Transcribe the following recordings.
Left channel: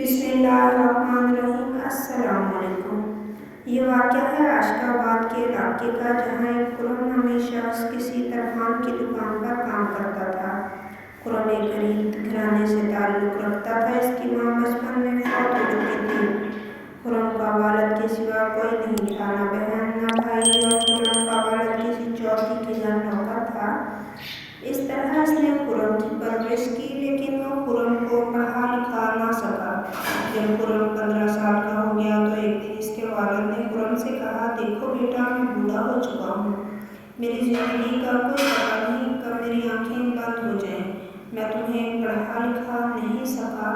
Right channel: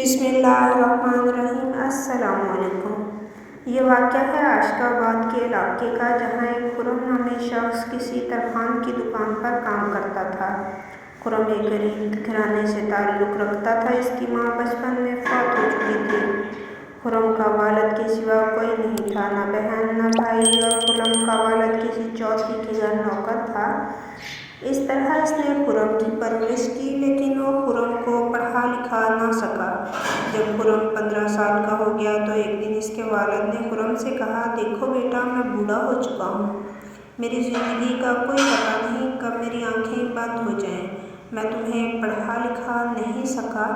بسم اللہ الرحمن الرحیم۔ السلام علیکم۔ یہ واقعہ ہے عاشقاباد کے علاقے کا، جہاں ایک خرم نامی شخص کسی ترکھان کی دکان پر کام کرتا تھا۔ خرم ایک غریب گھرانے سے تعلق رکھتا تھا۔ اس کی ماں بچپن میں فوت ہو چکی تھی۔ خرم کا والد کے سوا کوئی نہیں تھا، نہ بہن نہ بھائی، اور خرم کا والد کسی چوکی کے گھر نوکر تھا۔ اس طرح اس نے خرم کی پرورش کی، لیکن وہ خرم کو پڑھا لکھا نہ سکا۔ جب خرم 15 سال کا ہو گیا تو ایک دن اس کے والد نے خرم سے کہا، دیکھو بیٹا، میں بوڑھا ہو چکا ہوں۔ میری زندگی کا کوئی پتہ نہیں کب میری آنکھیں بند ہو جائیں۔ میں تمہیں پڑھا لکھا نہیں سکا،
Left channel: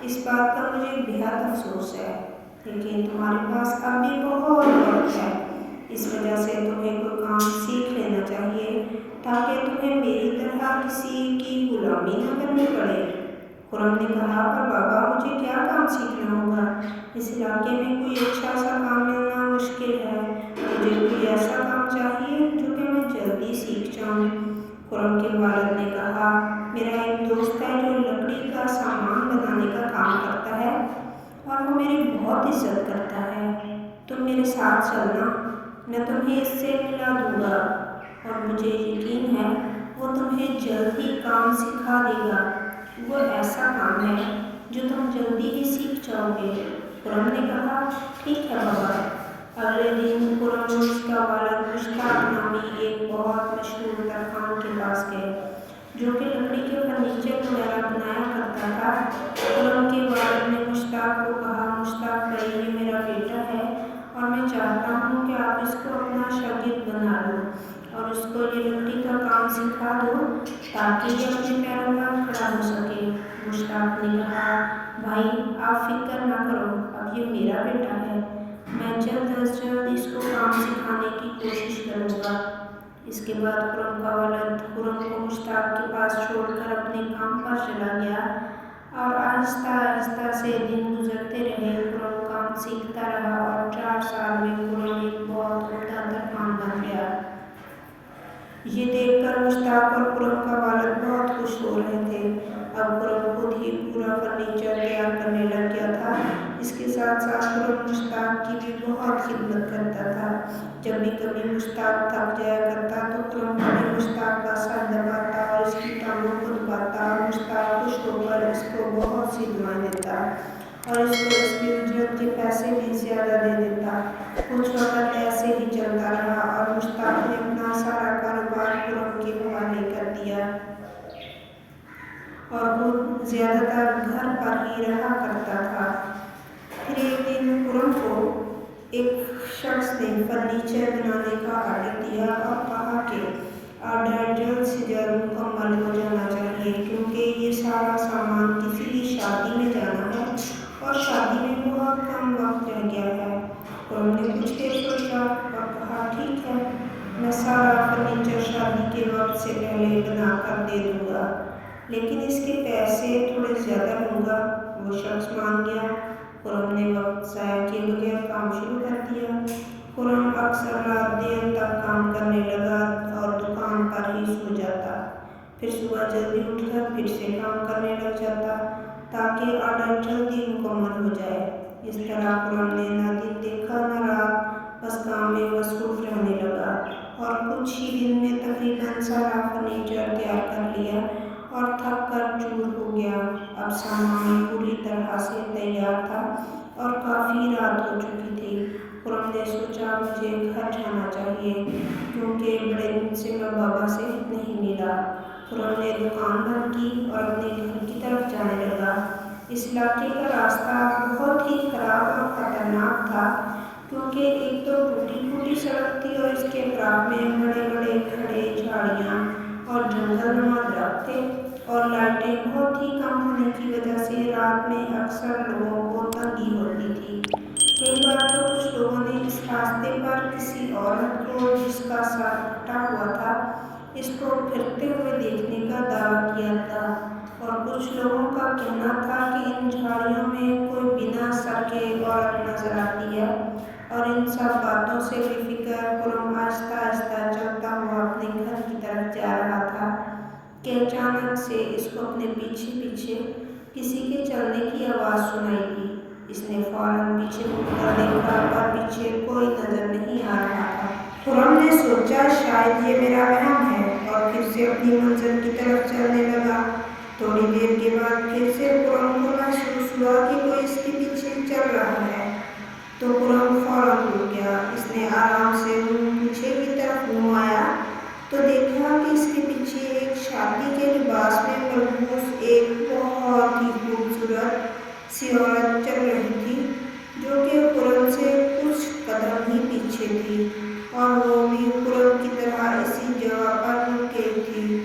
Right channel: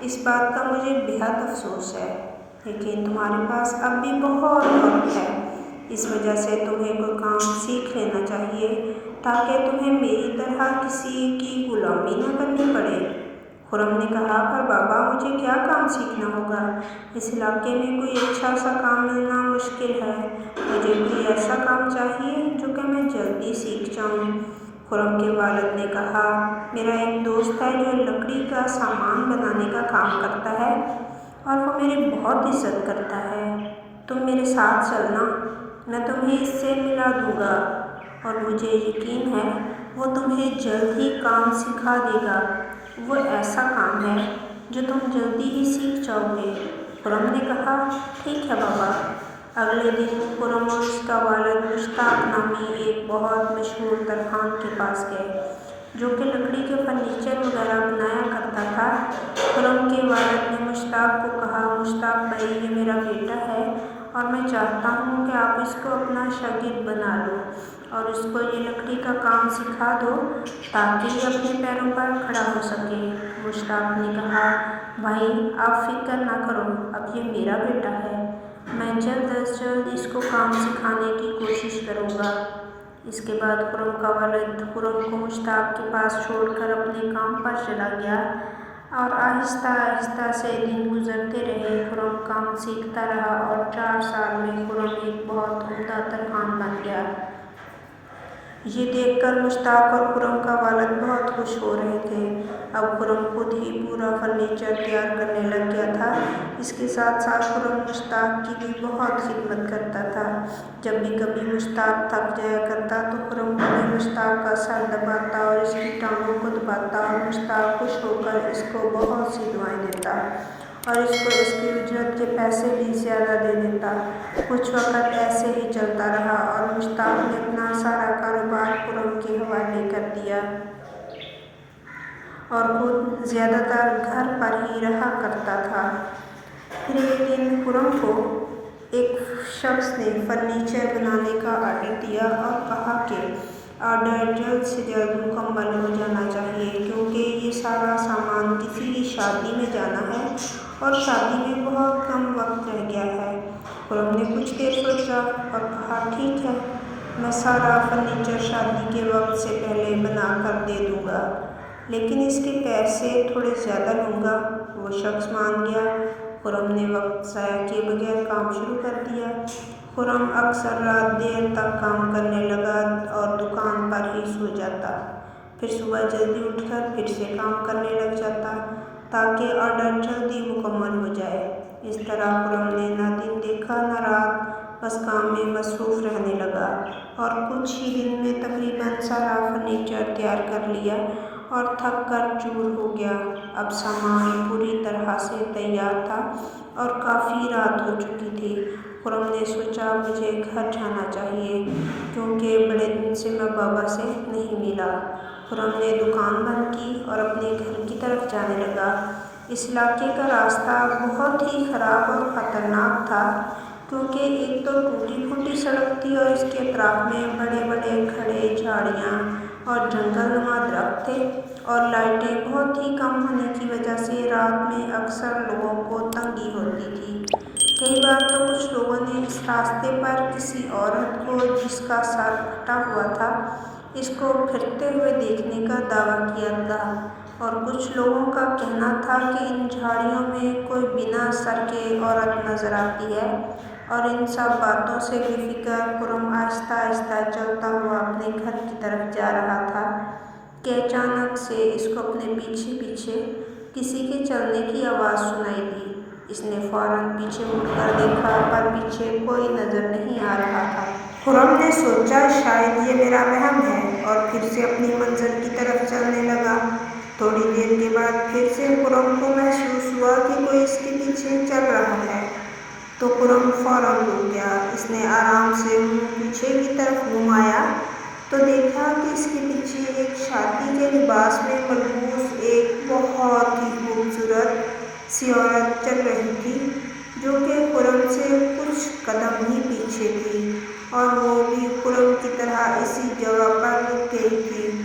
اس بات کا مجھے بہت افسوس ہے، لیکن تمہارے پاس اب بھی بہت وقت ہے۔ اس وجہ سے تمہیں کوئی کام سیکھ لینا چاہیے، تاکہ تمہیں میری طرح کسی کی غلامی نہ کرنی پڑے۔ خرم نے کہا، پر بابا، مجھے کیا کام سیکھنا ہوگا؟ اس علاقے میں کوئی اچھا سا کام ملنا مشکل ہے۔ مجھے کوئی ایسا کام چاہیے جو کہ میں جلدی سیکھ جاؤں۔ خرم کے والد نے کہا، میرا ایک دوست ہے جو لکڑی کا سامان بنانے کا کام کرتا ہے، اور وہ میری بہت عزت کرتا ہے۔ تم میرے ساتھ چلنا، میں تمہیں اس سے ملا دوں گا، اور مجھے یقین ہے وہ تمہیں جلد ہی کام سکھا دے گا۔ وہ ایسا کام ہے جو تم جلدی ہی سیکھ جاؤ گے۔ خرم نے کہا، ٹھیک ہے بابا۔ اگلے دن خرم اور اس کا والد مشتاق نامی ایک بہت مشہور ترکھان کے پاس گئے، جو کہ لکڑی کے فرنیچر وغیرہ بنایا کرتا تھا۔ خرم کے والد نے مشتاق کو کہا، مشتاق بھائی، یہ میرا بیٹا ہے، اور میں چاہتا ہوں کہ آپ اس کو اپنا شاگرد بنا لو، اور اس کو یہ لکڑی کا کام سکھا دو، تاکہ یہ اپنے پیروں پر کھڑا ہو سکے۔ مشتاق نے کہا، بھائی، آپ فکر نہ کرو، اب یہ میرا بیٹا ہے، میں جلد از جلد اس کو کام سکھانے کی کوشش کروں گا۔ اس کے بعد خرم کا والد خرم کو مشتاق کے پاس چھوڑ کر اپنے کام پر چلا گیا، اور آہستہ آہستہ سے دن گزرتے رہے۔ خرم کام سیکھتا رہا، اور 4 سال میں خرم ایک بہت عمدہ ترکھان بن گیا۔ یہ دیکھ کر مشتاق اور خرم کا والد بہت خوش ہو رہے تھے۔ اب خرم خود ہی پورا فرنیچر تیار کرنے لگ گیا تھا۔ اس کے ساتھ ساتھ خرم مشتاق کی بھی بہت خدمت کرتا تھا۔ جب بھی کبھی مشتاق تھک جایا کرتا تو خرم کبھی مشتاق کا سر دباتا اور اس کی ٹانگوں کو دباتا، اور مشتاق خوش ہو کر اس کو بہت سی دعائیں دیتا، اور اس کو اس کی اجرت کے پیسے بھی زیادہ دے دیتا۔ کچھ وقت ایسے ہی چلتا رہا، اور مشتاق نے اپنا سارا کاروبار خرم کے حوالے کر دیا، اور خود زیادہ تر گھر پر ہی رہا کرتا تھا۔ پھر ایک دن خرم کو ایک شخص نے فرنیچر بنانے کا آرڈر دیا، اور کہا کہ آرڈر جلد سے جلد مکمل ہو جانا چاہیے، کیونکہ یہ سارا سامان کسی کی شادی میں جانا ہے، اور شادی میں بہت کم وقت رہ گیا ہے۔ خرم نے کچھ دیر سوچا اور کہا، ٹھیک ہے، میں سارا فرنیچر شادی کے وقت سے پہلے بنا کر دے دوں گا، لیکن اس کے پیسے تھوڑے زیادہ لوں گا۔ وہ شخص مان گیا۔ خرم نے وقت ضائع کیے بغیر کام شروع کر دیا۔ خرم اکثر رات دیر تک کام کرنے لگا، اور دکان پر ہی سو جاتا، پھر صبح جلدی اٹھ کر پھر سے کام کرنے لگ جاتا، تاکہ آرڈر جلدی مکمل ہو جائے۔ اس طرح خرم نے نہ دن دیکھا نہ رات، بس کام میں مصروف رہنے لگا، اور کچھ ہی دن میں تقریباً سارا فرنیچر تیار کر لیا، اور تھک کر چور ہو گیا۔ اب سامان پوری طرح سے تیار تھا، اور کافی رات ہو چکی تھی۔ خرم نے سوچا، مجھے گھر جانا چاہیے، کیونکہ بڑے دن سے میں بابا سے نہیں ملا۔ خرم نے دکان بند کی اور اپنے گھر کی طرف جانے لگا۔ اس علاقے کا راستہ بہت ہی خراب اور خطرناک تھا، کیونکہ ایک تو ٹوٹی پھوٹی سڑک تھی، اور اس کے اطراف میں بڑے بڑے کھڑے جھاڑیاں اور جنگل نما درخت تھے، اور لائٹیں بہت ہی کم ہونے کی وجہ سے رات میں اکثر لوگوں کو تنگی ہوتی تھی۔ کئی بار تو کچھ لوگوں نے اس راستے پر کسی عورت کو، جس کا سر پھٹا ہوا تھا، اس کو پھرتے ہوئے دیکھنے کا دعویٰ کیا تھا، اور کچھ لوگوں کا کہنا تھا کہ ان جھاڑیوں میں کوئی بنا سر کے عورت نظر آتی ہے۔ اور ان سب باتوں سے بے فکر خرم آہستہ آہستہ چلتا ہوا اپنے گھر کی طرف جا رہا تھا کہ اچانک سے اس کو اپنے پیچھے پیچھے کسی کے چلنے کی آواز سنائی دی۔ اس نے فوراً پیچھے مڑ کر دیکھا پر پیچھے کوئی نظر نہیں آ رہا تھا۔ خرم نے سوچا شاید یہ میرا وہم ہے اور پھر سے اپنی منزل کی طرف چلنے لگا۔ تھوڑی دیر کے بعد پھر سے خرم کو محسوس ہوا کہ کوئی اس کے پیچھے چل رہا ہے، تو خرم فوراً رک گیا۔ اس نے آرام سے منہ پیچھے کی طرف گھمایا تو دیکھا کہ اس کے پیچھے ایک شادی کے لباس میں ملبوس ایک بہت ہی خوبصورت سی عورت چل رہی تھی، جو کہ خرم سے کچھ قدم ہی پیچھے تھی، اور وہ بھی خرم کی طرح اسی جگہ پر رک گئی تھی۔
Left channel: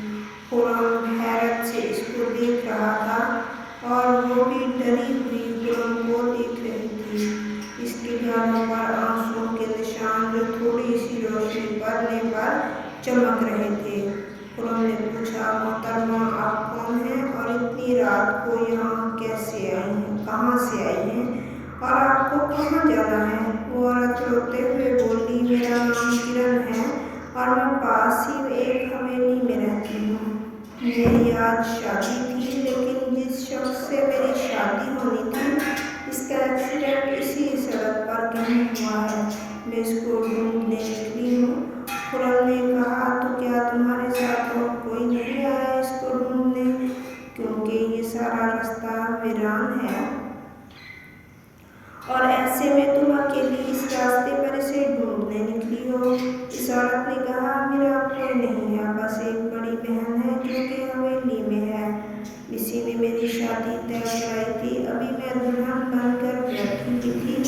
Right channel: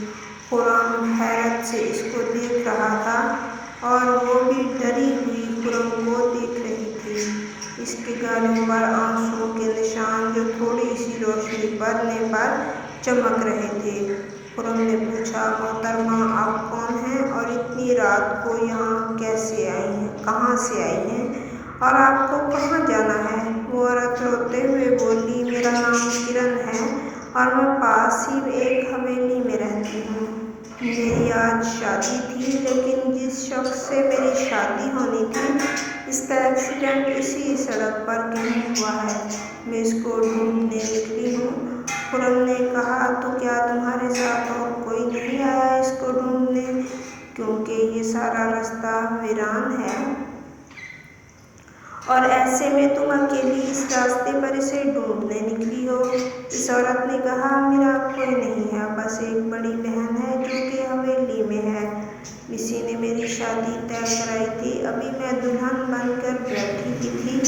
خرم حیرت سے اس کو دیکھ رہا تھا اور وہ بھی ڈری ہوئی خرم کو دیکھ رہی تھی۔ اس کے گالوں پر آنسوؤں کے نشان جو تھوڑی سی روشنی پڑنے پر چمک رہے تھے۔ خرم نے پوچھا، محترمہ آپ کون ہیں اور اتنی رات کو یہاں کہاں سے آئی ہیں اور آپ کو کہاں جانا ہے؟ وہ عورت روتے ہوئے بولی، میرا نام کرن ہے اور میں پاس ہی ایک حویلی میں رہتی ہوں۔ میری آج شادی تھی، لیکن جس شخص سے میری شادی ہونی تھی اس کا ایکسیڈنٹ اسی سڑک پر کہیں ہوا ہے۔ میں اس کو ڈھونڈنے نکلی ہوں۔ خرم نے کہا، تو کیا تمہارے ساتھ اور کوئی نہیں آیا اس کو ڈھونڈنے؟ کیونکہ یہ سارا راستہ ویران ہے اور ایسے میں تم اکیلی اس راستے پر اسے ڈھونڈنے نکلی ہو۔ اس عورت نے کہا، میرا کوئی نہیں ہے، بس ایک بڑی بہن ہے جو کہ حویلی میں ہے۔ اسی نے میری شادی طے کرائی تھی۔ ابھی میں دلہن بن کر بیٹھی ہوئی تھی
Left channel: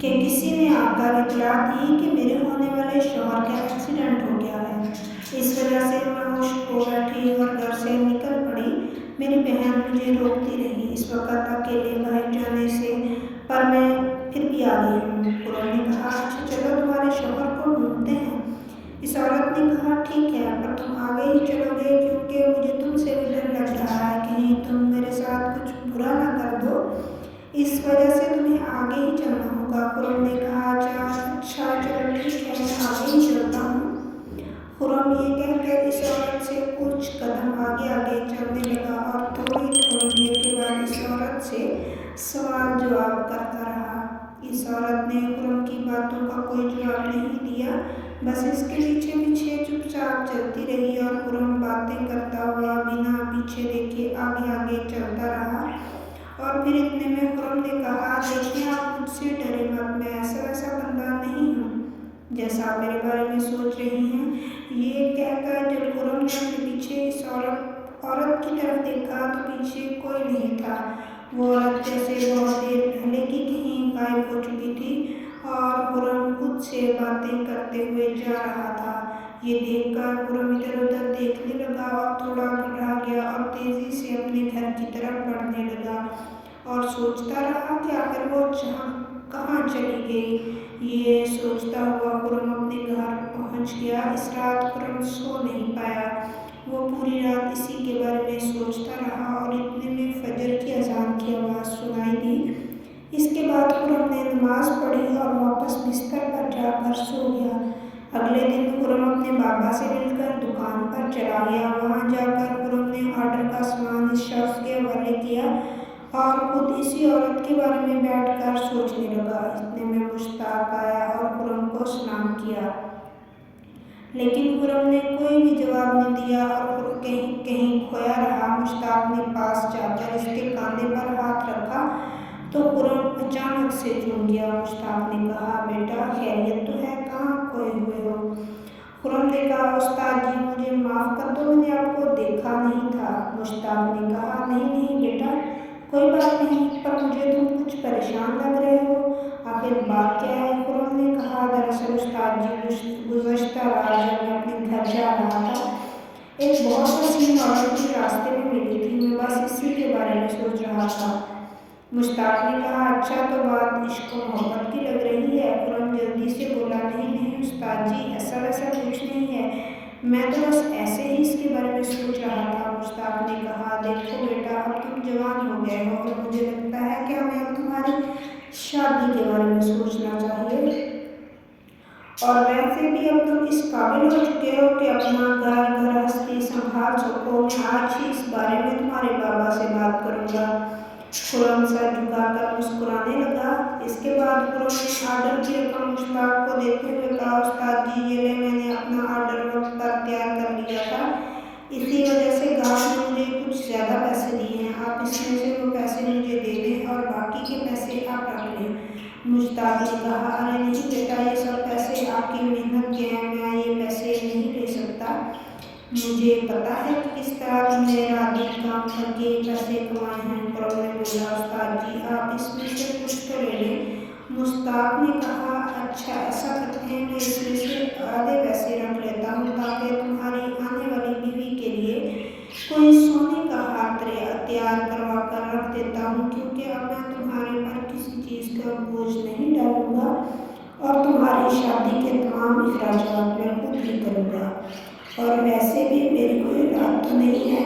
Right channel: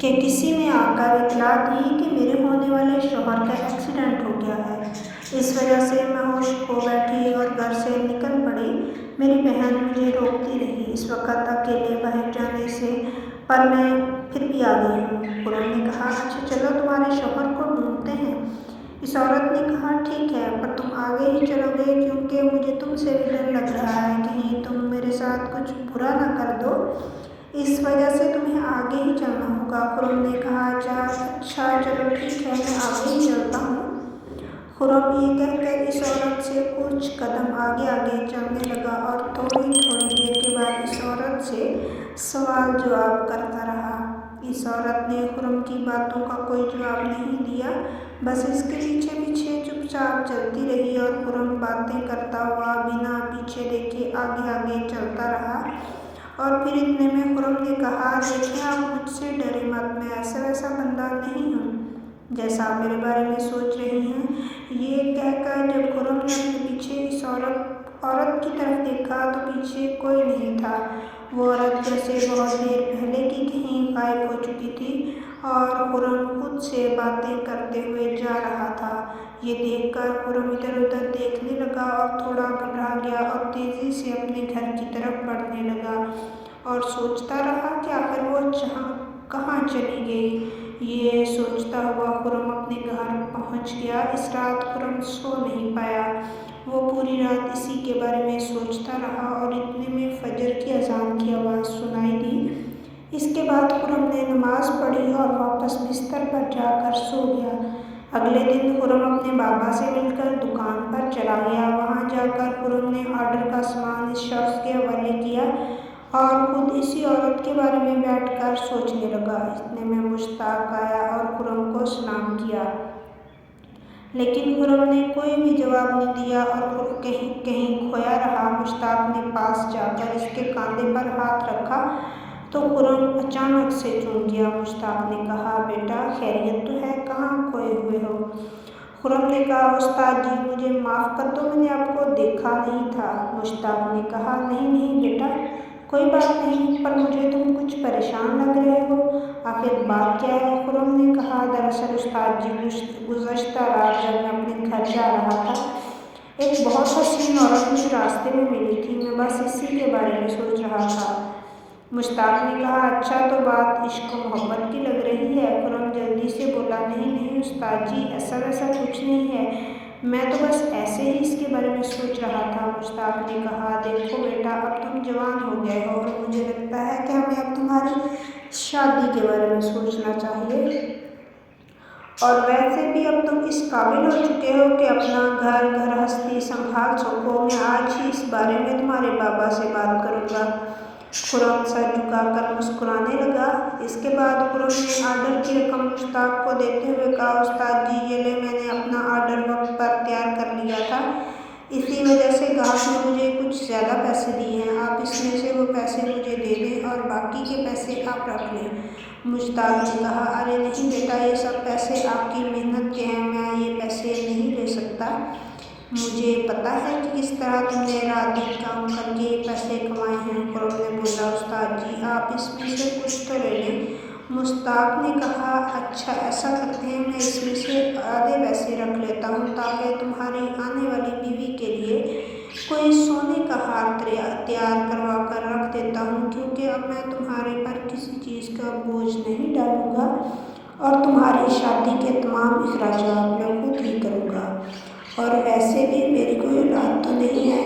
کہ کسی نے آ کر اطلاع دی کہ میرے ہونے والے شوہر کا ایکسیڈنٹ ہو گیا ہے۔ اس وجہ سے میں ہوش کھو بیٹھی اور گھر سے نکل پڑی۔ میری بہن مجھے روکتی رہی اس وقت اکیلے باہر جانے سے، پر میں پھر بھی آ گئی ہوں۔ خرم نے کہا، اچھا چلو تمہارے شوہر کو ڈھونڈتے ہیں۔ اس عورت نے کہا، ٹھیک ہے، پر تم آگے ہی چلو گے کیونکہ مجھے تم سے بھی ڈر لگ رہا ہے، کہیں تم میرے ساتھ کچھ برا نہ کر دو، اس وجہ سے تمہیں آگے ہی چلنا ہوگا۔ خرم نے کہا، اچھا چلو ٹھیک ہے، میں آگے ہی چلتا ہوں۔ خرم یہ کہہ کر اس عورت سے کچھ قدم آگے چلنے لگا اور تھوڑی دیر کے بعد اس عورت سے سوال جواب کرتا رہا۔ اس عورت نے خرم کی باتوں کا کوئی جواب نہیں دیا، بس اس کے پیچھے پیچھے چپ چاپ چلتی رہی اور خرم باتیں کرتا ہوا بنا پیچھے دیکھے آگے چلتا رہا۔ اور پھر اتنے میں خرم نے کہا، دیکھیں آپ مجھ سے ڈرے مت، میں ایسا ویسا بندہ نہیں ہوں جیسا آپ میرے بارے میں سوچ رہی ہیں۔ یہ کہہ کر جب خرم نے اپنے پیچھے اس عورت کی طرف دیکھا تو پیچھے کوئی نہیں تھا۔ وہ عورت جیسے بہت دیر پہلے کی کہیں غائب ہو چکی تھی اور خرم خود سے باتیں کرتے ہوئے جا رہا تھا۔ یہ دیکھ کر خرم ادھر ادھر دیکھنے لگا اور تھوڑا گھبرا گیا اور تیزی سے اپنے گھر کی طرف بڑھنے لگا اور سوچتا رہا کہ آخر وہ کہاں چلی گئی۔ یہ سوچتا ہوا خرم اپنے گھر پہنچ گیا۔ اس رات خرم سو نہیں پایا۔ وہ پوری رات اسی کے بارے میں سوچتا رہا اور اتنے میں فجر کی اذان کی آواز سنائی دی۔ اس کے بعد خرم نے نماز پڑھی اور واپس بستر پر جا کر سو گیا۔ اگلے دن خرم اپنے بابا سے مل کر دکان پر چلا گیا۔ وہاں جا کر خرم نے آرڈر کا سامان اس شخص کے حوالے کیا اور خود اسی عورت کے بارے میں بیٹھ کر سوچنے لگا۔ اتنے میں مشتاق آیا اور خرم کو سلام کیا، لیکن خرم نے کوئی بھی جواب نہ دیا اور کہیں کھویا رہا۔ مشتاق نے پاس جا کر اس کے کاندھے پر ہاتھ رکھا تو خرم اچانک سے چونک گیا۔ مشتاق نے کہا، بیٹا خیریت تو ہے، کہاں کھوئے ہوئے ہو؟ خرم نے کہا، استاد جی مجھے معاف کر دو، میں نے آپ کو دیکھا نہیں تھا۔ مشتاق نے کہا، نہیں بیٹا کوئی بات نہیں، پر مجھے تم کچھ پریشان لگ رہے ہو، آخر بات کیا ہے؟ خرم نے کہا، دراصل استاد جی گزشتہ رات جب میں اپنے گھر جا رہا تھا ایک بہت حسین عورت مجھے راستے میں ملی تھی، میں بس اسی کے بارے میں سوچ رہا تھا۔ مشتاق نے کہا، اچھا تو بات عشق و محبت کی لگ رہی ہے۔ خرم جلدی سے بولا، نہیں استاد جی ایسا ویسا کچھ نہیں ہے، میں تو بس ایسے ہی اس کے بارے میں سوچ رہا تھا۔ مشتاق نے کہا، دیکھو بیٹا اب تم جوان ہو گئے ہو اور مجھے لگتا ہے کہ ہمیں اب تمہاری شادی کے بارے میں سوچنا چاہیے اور ویسے بھی اب تم اس قابل ہو چکے ہو کہ اپنا گھر گھرستی سنبھال سکو۔ میں آج ہی اس بارے میں تمہارے بابا سے بات کروں گا۔ خرم سر جھکا کر مسکرانے لگا۔ اس کے بعد خرم نے آرڈر کی رقم مشتاق کو دیتے ہوئے کہا، استاد جی یہ لیں، میں نے اپنا آرڈر وقت پر تیار کر لیا تھا، اسی وجہ سے گاہک نے مجھے کچھ زیادہ پیسے دیے ہیں، آپ اس میں سے وہ پیسے مجھے دے دیں اور باقی کے پیسے آپ رکھ لیں۔ مشتاق نے کہا، ارے نہیں بیٹا، یہ سب پیسے آپ کی محنت کے ہیں، میں یہ پیسے نہیں لے سکتا۔ مجھے پتہ ہے کہ کس طرح تم نے رات دن کام کر کے یہ پیسے کمائے ہیں۔ خرم نے بولا، استاد جی آپ اس میں سے کچھ تو لے لیں۔ مشتاق نے کہا، اچھا ایسا کرتے ہیں، میں اس میں سے آدھے پیسے رکھ لیتا ہوں تاکہ تمہاری آنے والی بیوی کے لیے کوئی سونے کا ہار تیار کروا کر رکھ دیتا ہوں، کیونکہ اب میں تمہارے پر کسی چیز کا بوجھ نہیں ڈالوں گا اور تمہاری شادی کے تمام اخراجات میں خود ہی کروں گا، اور ویسے بھی میری کوئی اولاد تو نہیں ہے،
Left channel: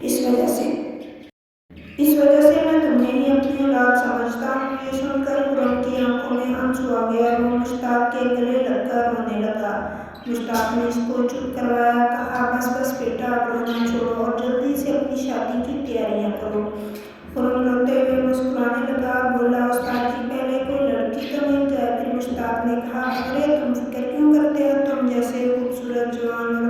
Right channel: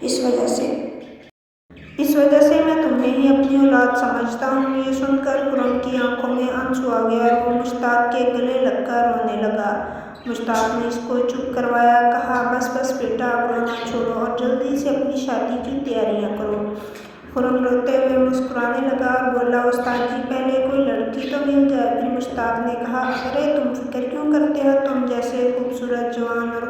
اس وجہ سے میں تمہیں ہی اپنی اولاد سمجھتا ہوں۔ یہ سن کر خرم کی آنکھوں میں آنسو آ گئے اور وہ مشتاق کے گلے لگ کر رونے لگا۔ مشتاق نے اس کو چپ کروایا، کہا، بس بس بیٹا، اب رونا چھوڑو اور جلدی سے اپنی شادی کی تیاریاں کرو۔ خرم روتے ہوئے مسکرانے لگا اور بولا، استاد جی پہلے کوئی لڑکی تو مل جائے۔ پھر مشتاق نے کہا، ارے تم فکر کیوں کرتے ہو، تم جیسے خوبصورت جوان اور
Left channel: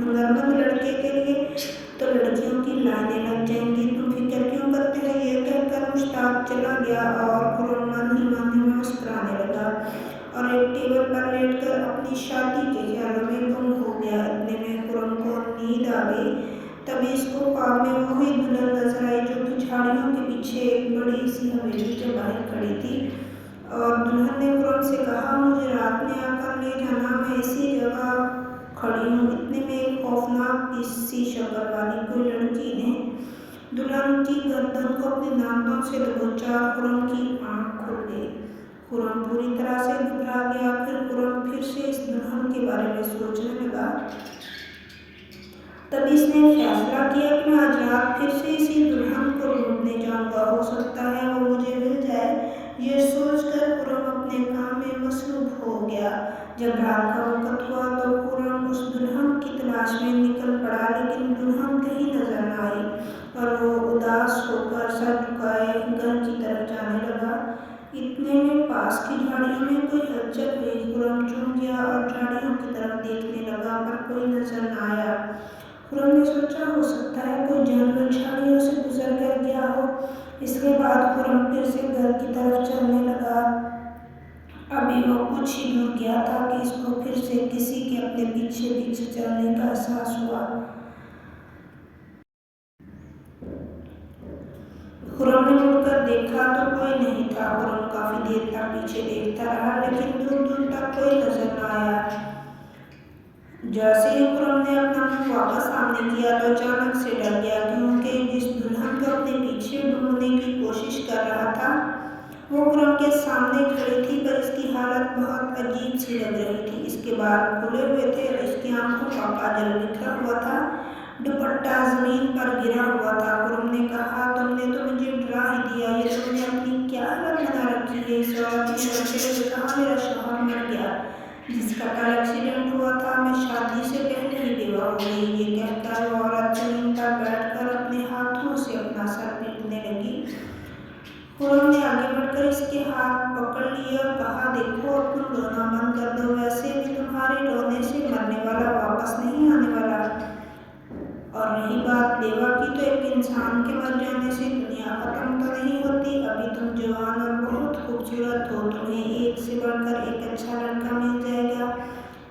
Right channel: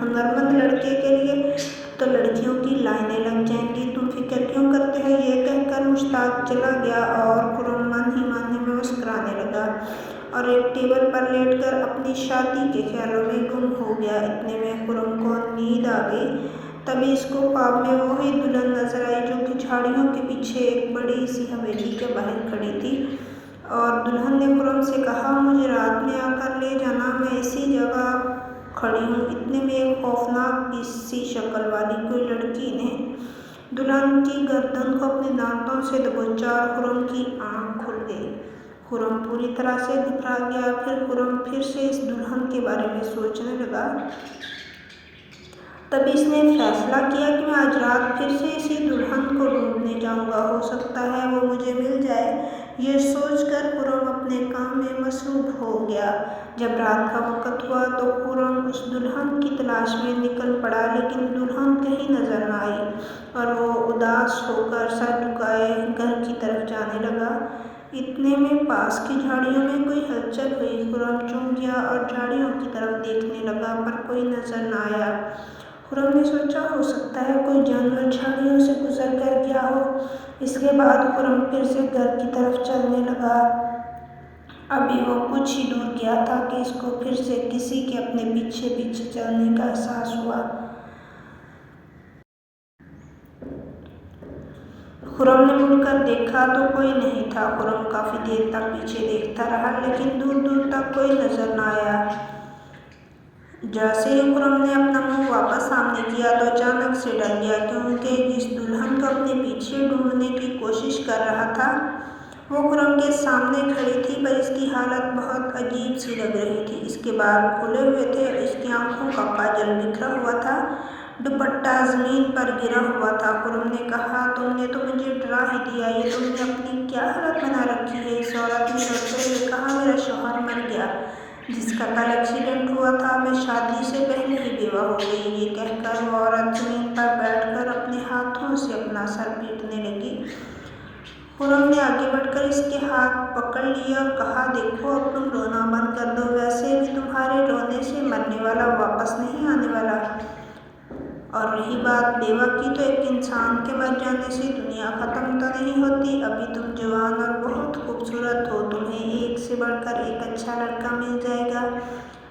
ہنرمند لڑکے کے لیے تو لڑکیوں کی لائنیں لگ جائیں گی، تم فکر کیوں کرتے ہو۔ یہ کہہ کر مشتاق چلا گیا اور خرم من ہی میں مسکرانے لگا اور ایک ٹیبل پر لیٹ کر اپنی شادی کے خیالوں میں گم ہو گیا۔ اتنے میں خرم کو نیند آ گئی۔ تبھی اس کو خواب میں وہی دلہن نظر آئی جو کہ جھاڑیوں کے پیچھے ایک بڑی سی حویلی کے باہر کھڑی تھی، اور دلہن نے خرم سے کہا، مجھے رات میں آ کر لے جانا، میں اسی جگہ کھڑی ہوں۔ اتنے میں ایک خوفناک سی شکل والی کوئی لڑکی نے دلہن کی گردن کو اپنے دانتوں سے دبوچا اور خرم کی آنکھ کھل گئی۔ خرم پوری طرح سے گھبرا گیا۔ خرم پھر سے اس دلہن کے بارے میں سوچنے لگا۔ تب اس نے فیصلہ کیا کہ میں آج رات پھر سے اسی دلہن کو ڈھونڈنے جاؤں گا، ہو سکتا ہے وہ مجھے مل جائے۔ یہ سوچ کر خرم اپنے کام میں مصروف ہو گیا۔ جب رات کا وقت ہوا تو خرم اس دلہن کی تلاش میں نکل پڑا، لیکن دلہن کہیں نظر نہ آئی اور وہ اداس ہو کر سر جھکائے گھر کی طرف جانے لگا۔ اتنے میں پاس کی جھاڑیوں میں کوئی ہلچل ہوئی۔ خرم چونک گیا اور جھاڑیوں کی طرف دیکھنے لگا، پر کوئی نظر نہ آیا۔ خرم نے سوچا، ہو سکتا ہے کوئی جانور جھاڑیوں سے گزر کر گیا ہو۔ اس کے بعد خرم پھر سے گھر کی طرف چلنے لگا۔ ابھی وہ کچھ ہی دور گیا تھا کہ اس کو پھر سے کسی کے اپنے پیچھے پیچھے چلنے کا احساس ہوا۔ خرم نے مڑ کر دیکھا تو کوئی نہیں تھا۔ خرم کافی دیر تک پیچھے دیکھتا رہا، لیکن دور دور تک کوئی نظر نہ آیا۔ جیسے ہی خرم نے اپنا منہ واپس سامنے کیا تو اچانک سے ڈر گیا، کیونکہ جس دلہن کو اپنے پیچھے ڈھونڈنے کی کوشش کر رہا تھا وہ خرم کے سامنے کھڑی تھی، پر اس کی حالت بہت عجیب سی لگ رہی تھی۔ اس کے بال کھلے ہوئے تھے اور اس کی آنکھوں کا کاجل بکھرا ہوا تھا، دوپٹہ زمین پر گرا ہوا تھا۔ خرم نے کہا، تم نے تو مجھے ڈرا ہی دیا، یہ تم نے اپنی کیا حالت بنا رکھی ہے۔ اس عورت نے روتے ہوئے کہا، میرا شوہر مر گیا، جس کا کل ایکسیڈنٹ ہوا تھا، میں شادی سے پہلے ہی بیوہ ہو گئی۔ یہ کہہ کر وہ عورت زمین پر بیٹھ کر اپنے ہاتھوں سے اپنا سر پیٹنے لگی۔ خرم نے آگے بڑھ کر اس کے ہاتھ پکڑ لیے اور کہا، دیکھو اب تم رونا بند کر دو، ویسے بھی تمہارے رونے سے مرنے والا واپس نہیں آنے والا، اور رہی بات بیوہ کی تو ایک انسان کے مر جانے سے دنیا ختم تو نہیں ہوتی۔ ابھی تم جوان اور بہت خوبصورت ہو، تمہیں ایک سے بڑھ کر ایک اچھا لڑکا مل جائے گا۔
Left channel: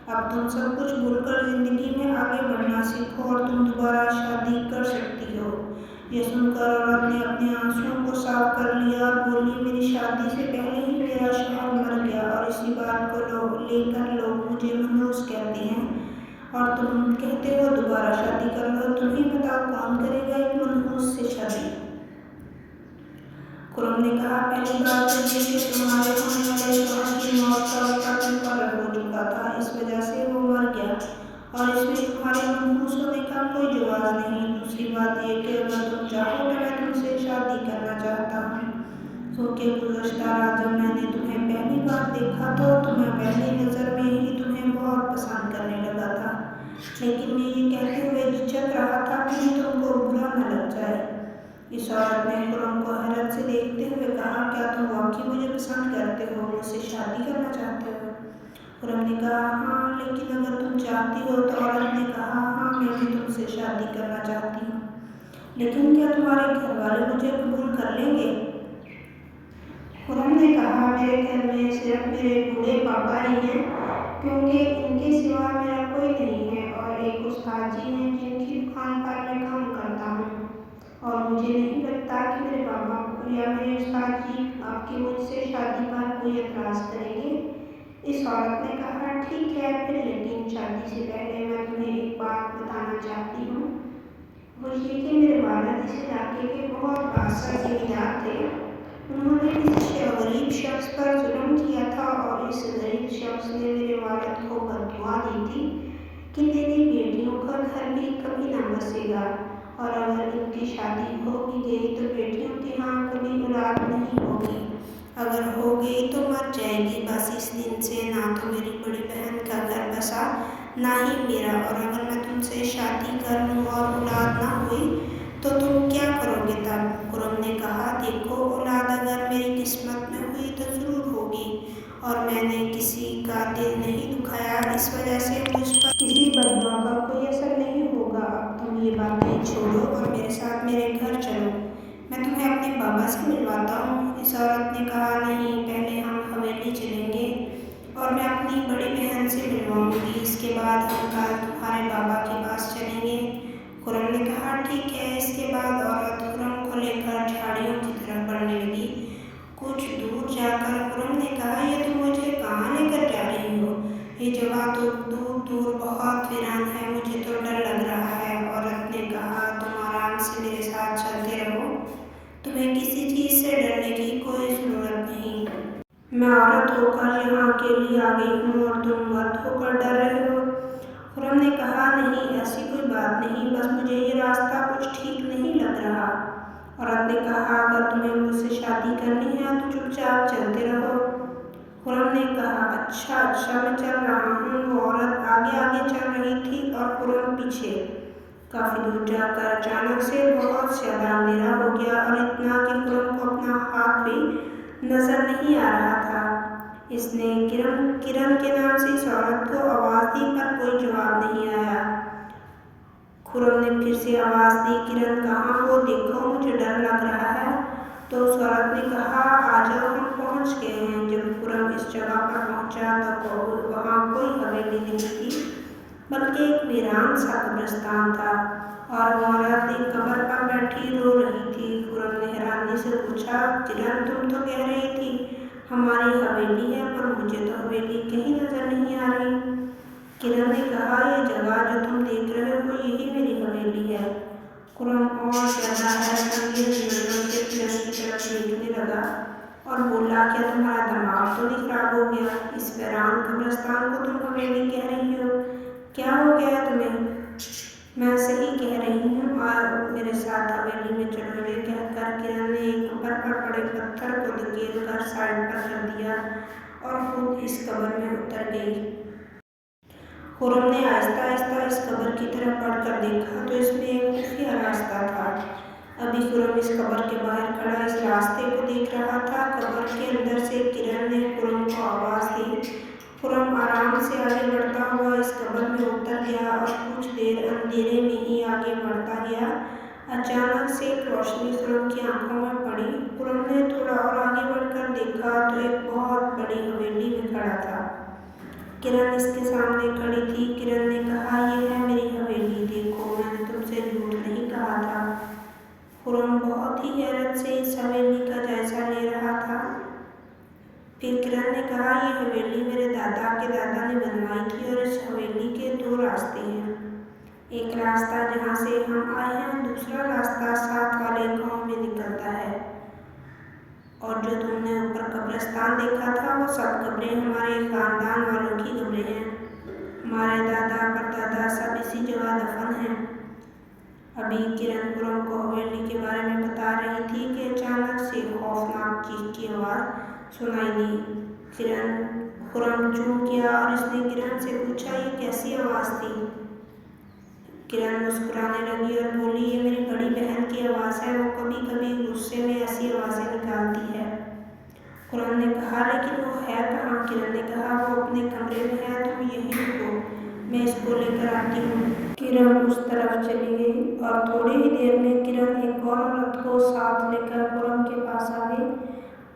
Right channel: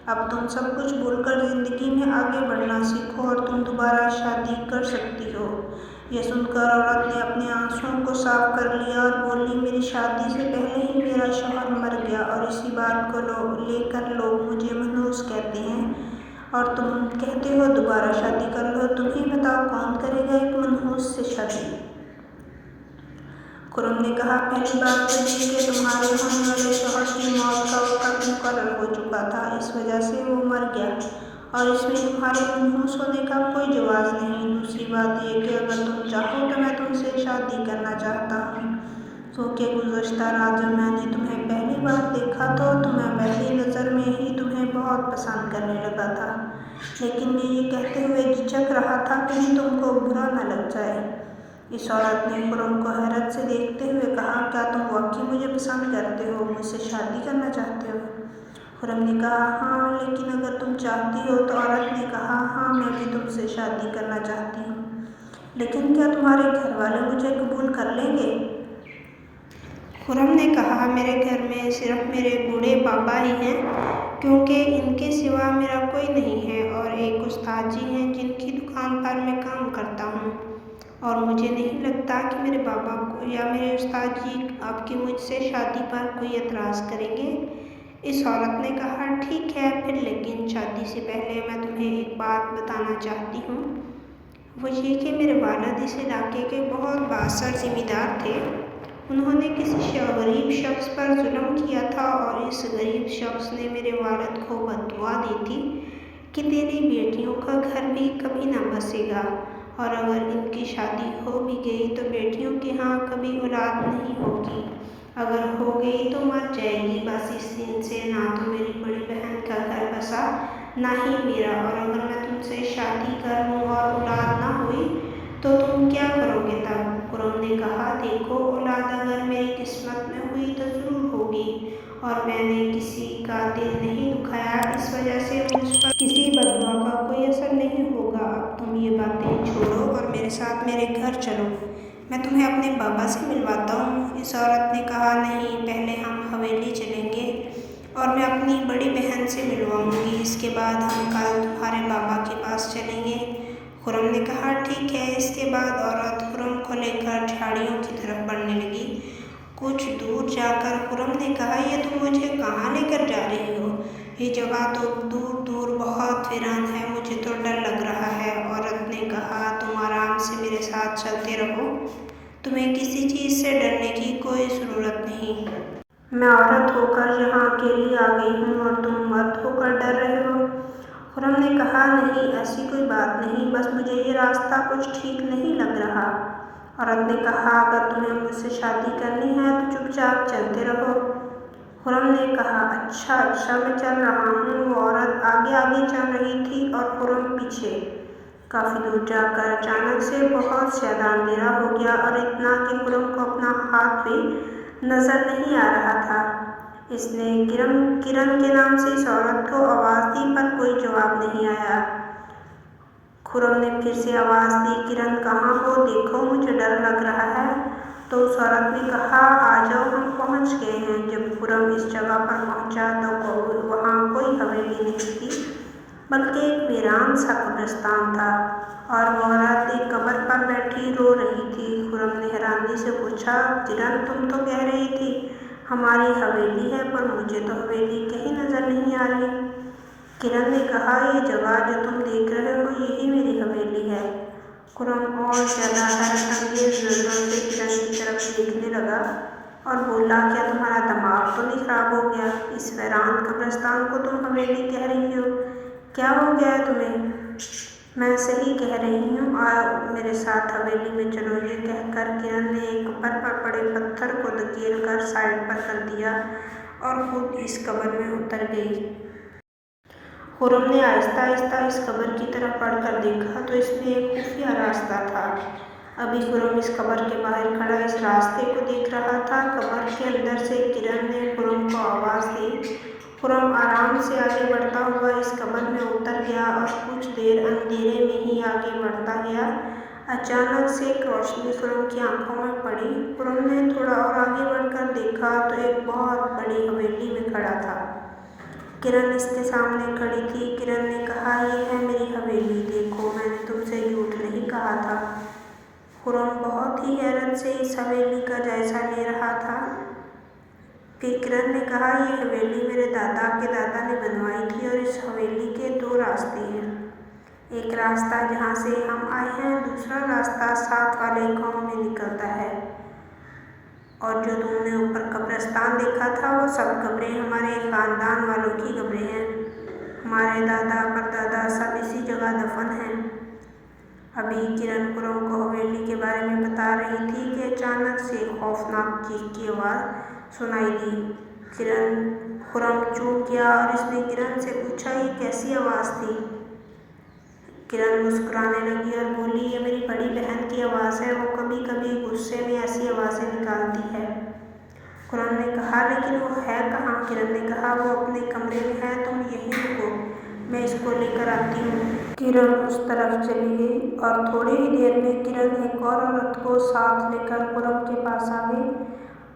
اب تم سب کچھ بھول کر زندگی میں آگے بڑھنا سیکھو اور تم دوبارہ شادی کر سکتی ہو۔ یہ سن کر عورت نے اپنے آنسوؤں کو صاف کر لیا اور بولی، میری شادی سے پہلے ہی میرا شوہر مر گیا، اور اسی بات کو لے کر لوگ مجھے منحوس کہتے ہیں، اور تم کہتے ہو دوبارہ شادی کر لو۔ تم ہی بتاؤ کون کرے گا ایک منحوس سے شادی۔ خرم نے کہا، پہلی بات تو یہ کہ تمہارے ہونے والے شوہر کی موت کا وقت مقرر ہو چکا تھا، اس وجہ سے وہ مر گیا، اور اس میں تمہارے منحوس ہونے کا کوئی جواز نہیں۔ دوسری بات یہ کہ اگر تم چاہو تو میں تم سے شادی کرنا چاہتا ہوں۔ کیونکہ گزشتہ رات جب میں نے تمہیں پہلی بار دیکھا تو میں پہلی نظر میں ہی تمہیں بہت پسند کرنے لگا تھا، لیکن میں یہ کہتے ہوئے جھجک رہا تھا کہیں تم کو برا نہ لگ جائے۔ اس عورت نے خرم کو حیرت سے دیکھتے ہوئے کہا، کیا تم واقعی مجھے پسند کرتے ہو، مجھ سے شادی کرنا چاہتے ہو؟ خرم نے کہا، ہاں، لیکن اگر تم چاہتی ہو تو عورت نے کہا، ہاں، میں بھی تم سے شادی کرنا چاہتی ہوں، لیکن کیا تمہارے گھر والے مجھے قبول کر لیں گے؟ خرم نے کہا، میرے گھر میں صرف میرے بوڑھے بابا ہی ہیں، کیونکہ ان کے سوا میرا کوئی نہیں ہے، اور ایک استاد جی ہیں جن کی دکان پر میں کام کرتا ہوں، اور مجھے نہیں لگتا کہ میرے بابا کو یا میرے استاد جی آپ کی مجھ سے شادی پر کوئی اعتراض کریں گے۔ اس عورت نے کہا، ٹھیک ہے پھر، لیکن شادی سے پہلے میں تمہیں ایک بات بتانا چاہتی ہوں، وہ یہ کہ میرے والد اس علاقے کے بہت بااثر ذمہ دار تھے۔ انہوں نے کسی غریب شخص پر ظلم کیا تھا، اور اس غریب شخص نے میرے والد کو بددعا دی تھی کہ تیری بیٹیوں کا گھر بھی کبھی نہ بسے گا، اور اگر ان کی شادی ہو بھی گئی تو بیٹیوں کے ہاں کبھی اولاد نہیں ہوگی، اگر ہو گئی تو مر جائے گی۔ بس اس دن سے نہ تو میری بڑی بہن کا گھر بسا، نہ ہی میرا، اور اگر میں تم سے شادی کر لوں اور اولاد نہ ہوئی تو تم کیا کرو گے تب؟ خرم نے کہا، دیکھو، اولاد اگر میری قسمت میں ہوئی تو ضرور ہوگی، اور میں نے کسی کا دل نہیں دکھایا، اس وجہ سے مجھ پر کسی بددعا کا کوئی اثر نہیں ہوگا۔ اب تم یہ باتیں چھوڑو اور میرے ساتھ میرے گھر چلو، میں تمہیں اپنے بابا سے ملواتا ہوں۔ اس عورت نے کہا، نہیں، پہلے ہم حویلی چلیں گے اور میں اپنی بڑی بہن سے ملواؤں گی، اس کے بعد ہم کل تمہارے بابا کے پاس چلیں گے۔ خرم نے کہا، ٹھیک ہے۔ اس کے بعد عورت خرم کو لے کر جھاڑیوں کی طرف بڑھنے لگی۔ کچھ دور جا کر خرم نے کہا، یہ تم مجھے کہاں لے کر جا رہی ہو؟ یہ جگہ تو دور دور بہت ویران ہے، مجھے تو ڈر لگ رہا ہے۔ عورت نے کہا، تم آرام سے میرے ساتھ چلتے رہو، تمہیں کسی چیز سے ڈرنے کی کوئی ضرورت نہیں۔ میں عورت ہو کر یہاں اکیلی آ گئی ہوں اور تم مرد ہو کر ڈر رہے ہو۔ خرم نے کہا، نہیں، ایسی کوئی بات نہیں، بس مجھے یہ راستہ کچھ ٹھیک نہیں لگ رہا۔ عورت نے کہا، اگر تمہیں مجھ سے شادی کرنی ہے تو چپ چاپ چلتے رہو۔ خرم نے کہا، اچھا میں چل رہا ہوں۔ وہ عورت آگے آگے چل رہی تھی اور خرم پیچھے۔ کافی دور جا کر اچانک سے بہت زیادہ اندھیرا ہو گیا، اور اتنا کہ خرم کو اپنا ہاتھ بھی نظر نہیں آ رہا تھا۔ اس نے کرن کے نام سے اس عورت کو آواز دی، پر کوئی جواب نہیں آیا۔ خرم نے پھر سے آواز دی، کرن کہاں ہو؟ دیکھو، مجھے ڈر لگ رہا ہے۔ تو اس عورت نے کہا، آ جاؤ، ہم پہنچ گئے ہیں۔ جب خرم اس جگہ پر پہنچا تو وہاں کوئی حویلی نہیں تھی، بلکہ ایک ویران سا قبرستان تھا، اور وہ عورت ایک قبر پر بیٹھی رو رہی تھی۔ خرم نے حیرانی سے پوچھا، کرن، تم تو کہہ رہی تھی ہماری حویلی ہے، پر مجھے تو حویلی کہیں نظر نہیں آ رہی۔ کرن نے کہا، یہ جگہ جو تم دیکھ رہے ہو یہی میری حویلی ہے۔ خرم اور زیادہ حیرت انگیز نظروں سے کرن کی طرف دیکھنے لگا اور بولا، کیا تمہارا دماغ تو نہیں خراب ہو گیا؟ اس ویران قبرستان کو تم حویلی کہہ رہی ہو؟ کیا ہو گیا ہے تمہیں؟ میں صحیح کہہ رہی ہوں، آؤ میرے ساتھ حویلی میں چلو۔ یہ کہہ کر کرن نے ایک قبر پر پڑے پتھر کو دھکیل کر سائیڈ پر کر دیا اور خود اس قبر میں اتر گئی۔ خرم نے آہستہ آہستہ اس قبر کی طرف بڑھ کر دیکھا تو اس میں ایک خفیہ راستہ تھا۔ ابھی خرم اس قبر کے باہر کھڑا اس راستے کو دیکھ رہا تھا۔ قبر کے اندر سے کرن نے خرم کو آواز دی۔ خرم آرام سے آگے بڑھتا ہوا اس قبر میں اتر گیا اور کچھ دیر اندھیرے میں ہی آگے بڑھتا گیا۔ اچانک سے ایک روشنی خرم کی آنکھوں میں پڑی۔ خرم نے تھوڑا اور آگے بڑھ کر دیکھا تو ایک بہت بڑی حویلی میں کھڑا تھا۔ کرن اس کے سامنے کھڑی تھی۔ کرن نے کہا، یہ ہے میری حویلی، دیکھو، میں نے تم سے جھوٹ نہیں کہا تھا۔ خرم بہت ہی حیرت سے اس حویلی کا جائزہ لے رہا تھا۔ پھر کرن نے کہا، یہ حویلی میرے دادا کے دادا نے بنوائی تھی، اور اس حویلی کے دو راستے ہیں۔ ایک راستہ جہاں سے ہم آئے ہیں، دوسرا راستہ ساتھ والے گاؤں میں نکلتا ہے، اور جو تم نے اوپر قبرستان دیکھا تھا وہ سب قبریں ہمارے خاندان والوں کی قبریں ہیں۔ ہمارے دادا پردادا سب اسی جگہ دفن ہیں۔ ابھی کرن خرم کو حویلی کے بارے میں بتا رہی تھی کہ اچانک سے خوفناک چیخ کی آواز سنائی دی۔ خرم چونک گیا اور اس نے کرن سے پوچھا، یہ کیسی آواز تھی؟ کرن مسکرانے لگی اور بولی، یہ میری بڑی بہن کی آواز ہے، وہ کبھی کبھی غصے میں ایسی آوازیں نکالتی ہے۔ خرم نے کہا، لیکن وہ ہے کہاں؟ کرن نے کہا، وہ اپنے کمرے میں ہے، تم یہیں رکو، میں اس کو لے کر آتی ہوں۔ کرن اس طرف چلی گئی اور تھوڑی ہی دیر میں کرن ایک اور عورت کو ساتھ لے کر خرم کے پاس آ گئی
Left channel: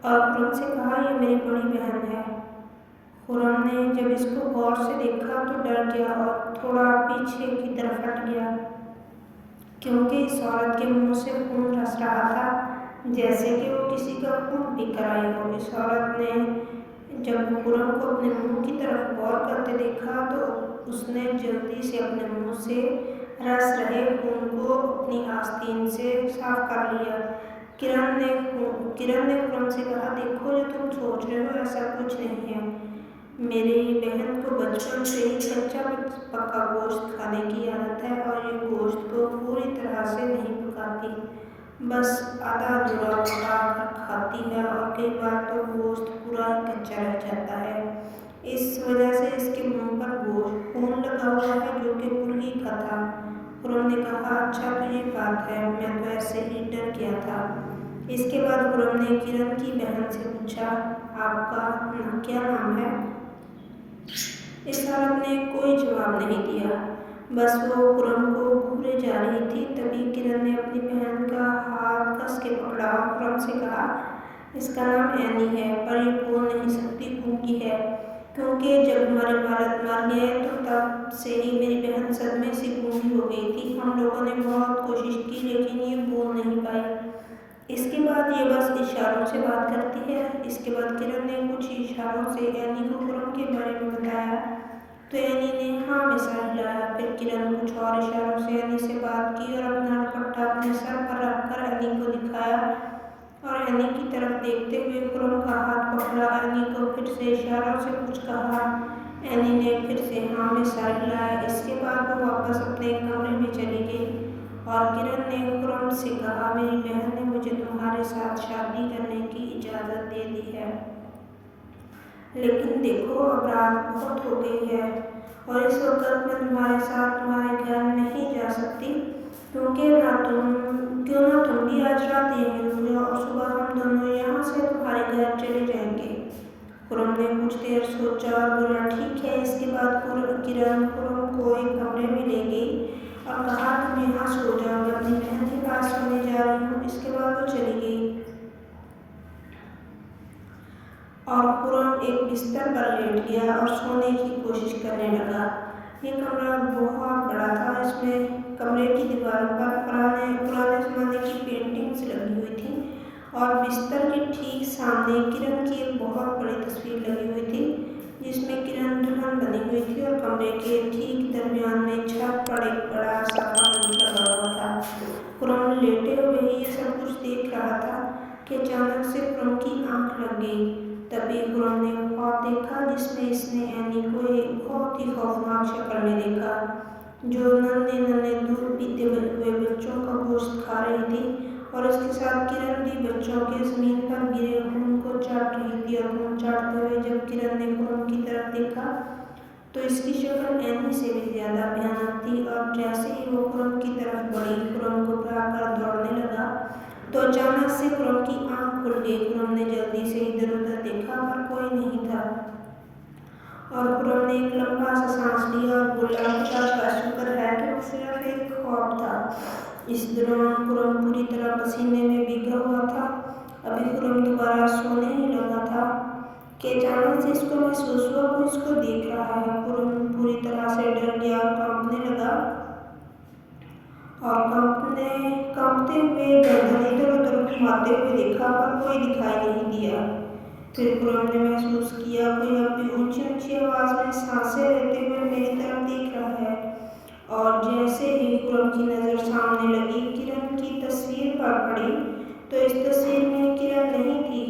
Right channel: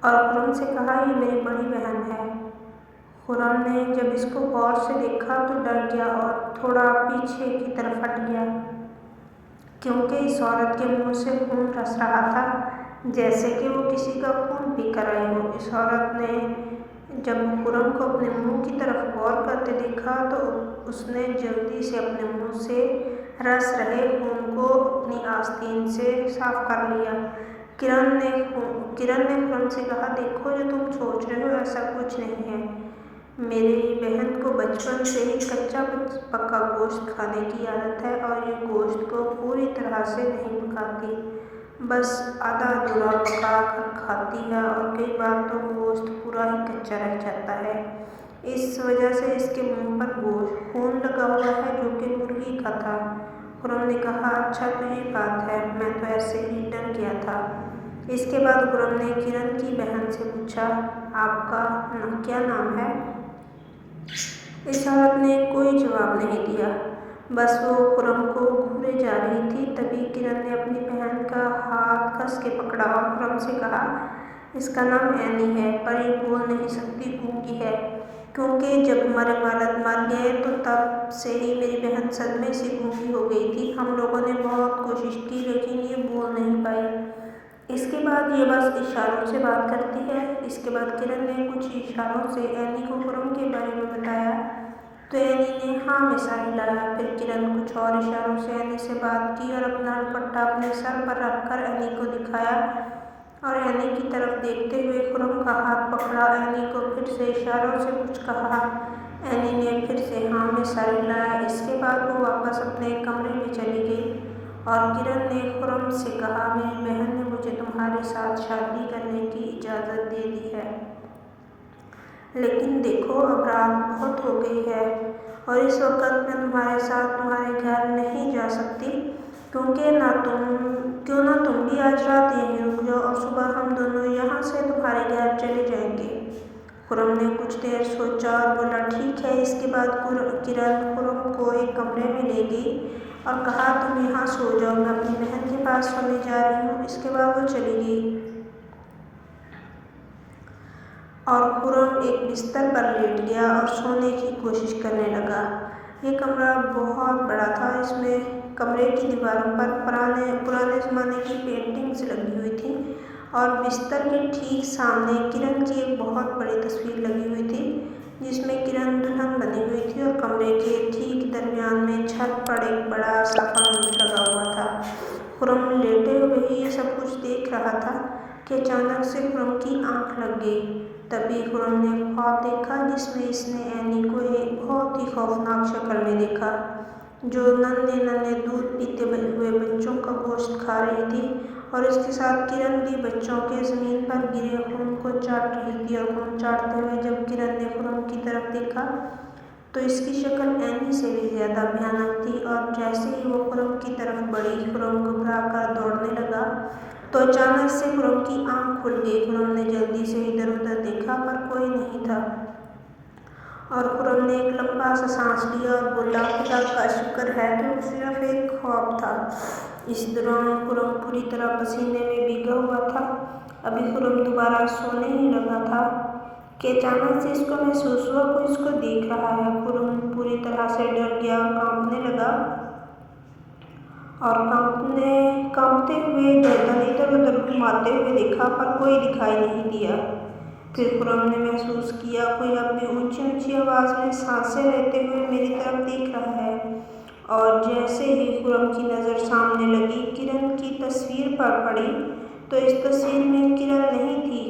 اور خرم سے کہا، یہ میری بڑی بہن ہے۔ خرم نے جب اس کو غور سے دیکھا تو ڈر گیا اور تھوڑا پیچھے کی طرف ہٹ گیا، کیونکہ اس عورت کے منہ سے خون رس رہا تھا، جیسے کہ وہ کسی کا خون پی کر آئی ہو۔ اس عورت نے جب خرم کو اپنے منہ کی طرف غور کرتے دیکھا تو اس نے جلدی سے اپنے منہ سے رس رہے خون کو اپنی آستین سے صاف کر لیا۔ کرن نے خرم سے کہا، دیکھو، جو تم سوچ رہے ہو ایسا کچھ نہیں ہے۔ میری بہن کو بچپن سے ہی کچا پکا گوشت کھانے کی عادت ہے اور یہ گوشت کو پوری طرح سے نہیں پکاتی، بس آدھا ادھورا پکا کر کھاتی ہے اور کئی بار تو گوشت پورا ہی کچا رہ جاتا ہے۔ اس وجہ سے اس کے منہ پر خون لگا ہوا ہے جو کہ مرغی کا تھا۔ خرم نے کہا، اچھا تو یہ بات ہے، میں تو ایسے ہی ڈر گیا تھا۔ اس کے بعد خرم نے کرن کی بہن سے پوچھا، آپ کا کیا نام ہے؟ اس عورت نے کوئی جواب نہیں دیا، بس وہ خرم کو گھورے جا رہی تھی۔ تبھی کرن نے اپنی بہن کا ہاتھ کس کے پکڑا اور خرم سے کہا، اس کا نام اینی ہے، پر یہ بول نہیں سکتی، گونگی ہے، کیونکہ جب ہمارے والد مر گئے تو تب سے ہی میری بہن صدمے سے گونگی ہو گئی تھی۔ ہم لوگوں نے بہت کوشش کی لیکن یہ بول نہیں پائی۔ اس کے بعد یہ بس اشاروں سے بات کرتی ہے۔ اس کے بعد کرن نے کچھ اشاروں سے اینی کو خرم کے بارے میں بتایا تو اینی نے ہاں میں سر ہلایا۔ پھر کرن کچھ اور اشاروں سے اینی سے بات کی اور اپنا دوپٹہ اپنے سر پر رکھ کر اینی کو دکھایا اور اینی کی طرف دیکھتے ہوئے خرم کا ہاتھ پکڑا۔ اینی کو پھر سے اشاروں سے کچھ کہا، اینی نے پھر سے ہاں میں سر ہلایا۔ اس کے بعد وہ واپس اپنے کمرے میں چلی گئی اور کرن نے خرم سے کہا، میری بہن نے مجھے تمہارے ساتھ شادی کرنے کی اجازت دے دی ہے، لیکن دیکھو اب رات بہت ہو گئی ہے اور اس وقت میں تمہارے ساتھ تمہارے گھر نہیں جا سکتی، کیوں نہ تم بھی آج رات یہیں رک جاؤ اور صبح ہم دونوں یہاں سے تمہارے گھر چلے جائیں گے۔ خرم نے کچھ دیر سوچا اور بولا، ٹھیک ہے۔ اس کے بعد کرن خرم کو ایک کمرے میں لے گئی اور کہا، تم یہاں سو جاؤ، میں اپنی بہن کے پاس سونے جا رہی ہوں۔ اس کے بعد وہ چلی گئی اور خرم ایک بستر پر لیٹ گیا اور سونے کی کوشش کرنے لگا۔ یہ کمرہ بہت بڑا تھا۔ اس میں کمرے کی دیواروں پر پرانے زمانے کی پینٹنگز لگی ہوئی تھیں اور بستر کے ٹھیک سامنے کرن کی ایک بہت بڑی تصویر لگی ہوئی تھی جس میں کرن دلہن بنی ہوئی تھی اور کمرے کے ٹھیک درمیان میں چھت پر ایک بڑا سا فانوس لگا ہوا تھا۔ خرم لیٹے ہوئے ہی یہ سب کچھ دیکھ رہا تھا کہ اچانک سے خرم کی آنکھ لگ گئی۔ تبھی خرم نے خواب دیکھا جس میں اس نے اینی کو ایک بہت ہی خوفناک شکل میں دیکھا، جو ننھے دودھ پیتے ہوئے بچوں کا گوشت کھا رہی تھی اور اس کے ساتھ کرن بھی بچوں کے زمین پر گرے خون کو چاٹ رہی تھی۔ اور خون چاٹتے ہوئے جب کرن نے خرم کی طرف دیکھا تو اس کی شکل اینی سے بھی زیادہ بھیانک تھی اور جیسے ہی وہ خرم کی طرف بڑھی، خرم گھبرا کر دوڑنے لگا تو اچانک سے خرم کی آنکھ کھل گئی۔ خرم نے جلدی سے ادھر ادھر دیکھا پر کوئی نہیں تھا اور خرم نے ایک لمبا سا سانس لیا اور بولا، خدا کا شکر ہے کہ وہ صرف ایک خواب تھا۔ اس دوران خرم پوری طرح پسینے میں بھیگا ہوا تھا۔ ابھی خرم دوبارہ سونے ہی لگا تھا کہ اچانک سے اس کو محسوس ہوا کوئی اس کو دیکھ رہا ہے۔ خرم پوری طرح سے ڈر گیا اور کانپنے لگا اور کانپتے ہوئے گردن ادھر ادھر گھماتے ہوئے دیکھا پر کوئی دکھائی نہیں دیا۔ پھر خرم نے محسوس کیا کوئی اب بھی اونچی اونچی آواز میں سانسیں لیتے ہوئے میری طرف دیکھ رہا ہے اور جیسے ہی خرم کی نظر سامنے لگی، کرن کی تصویر پر پڑی تو اس تصویر میں کرن نہیں تھی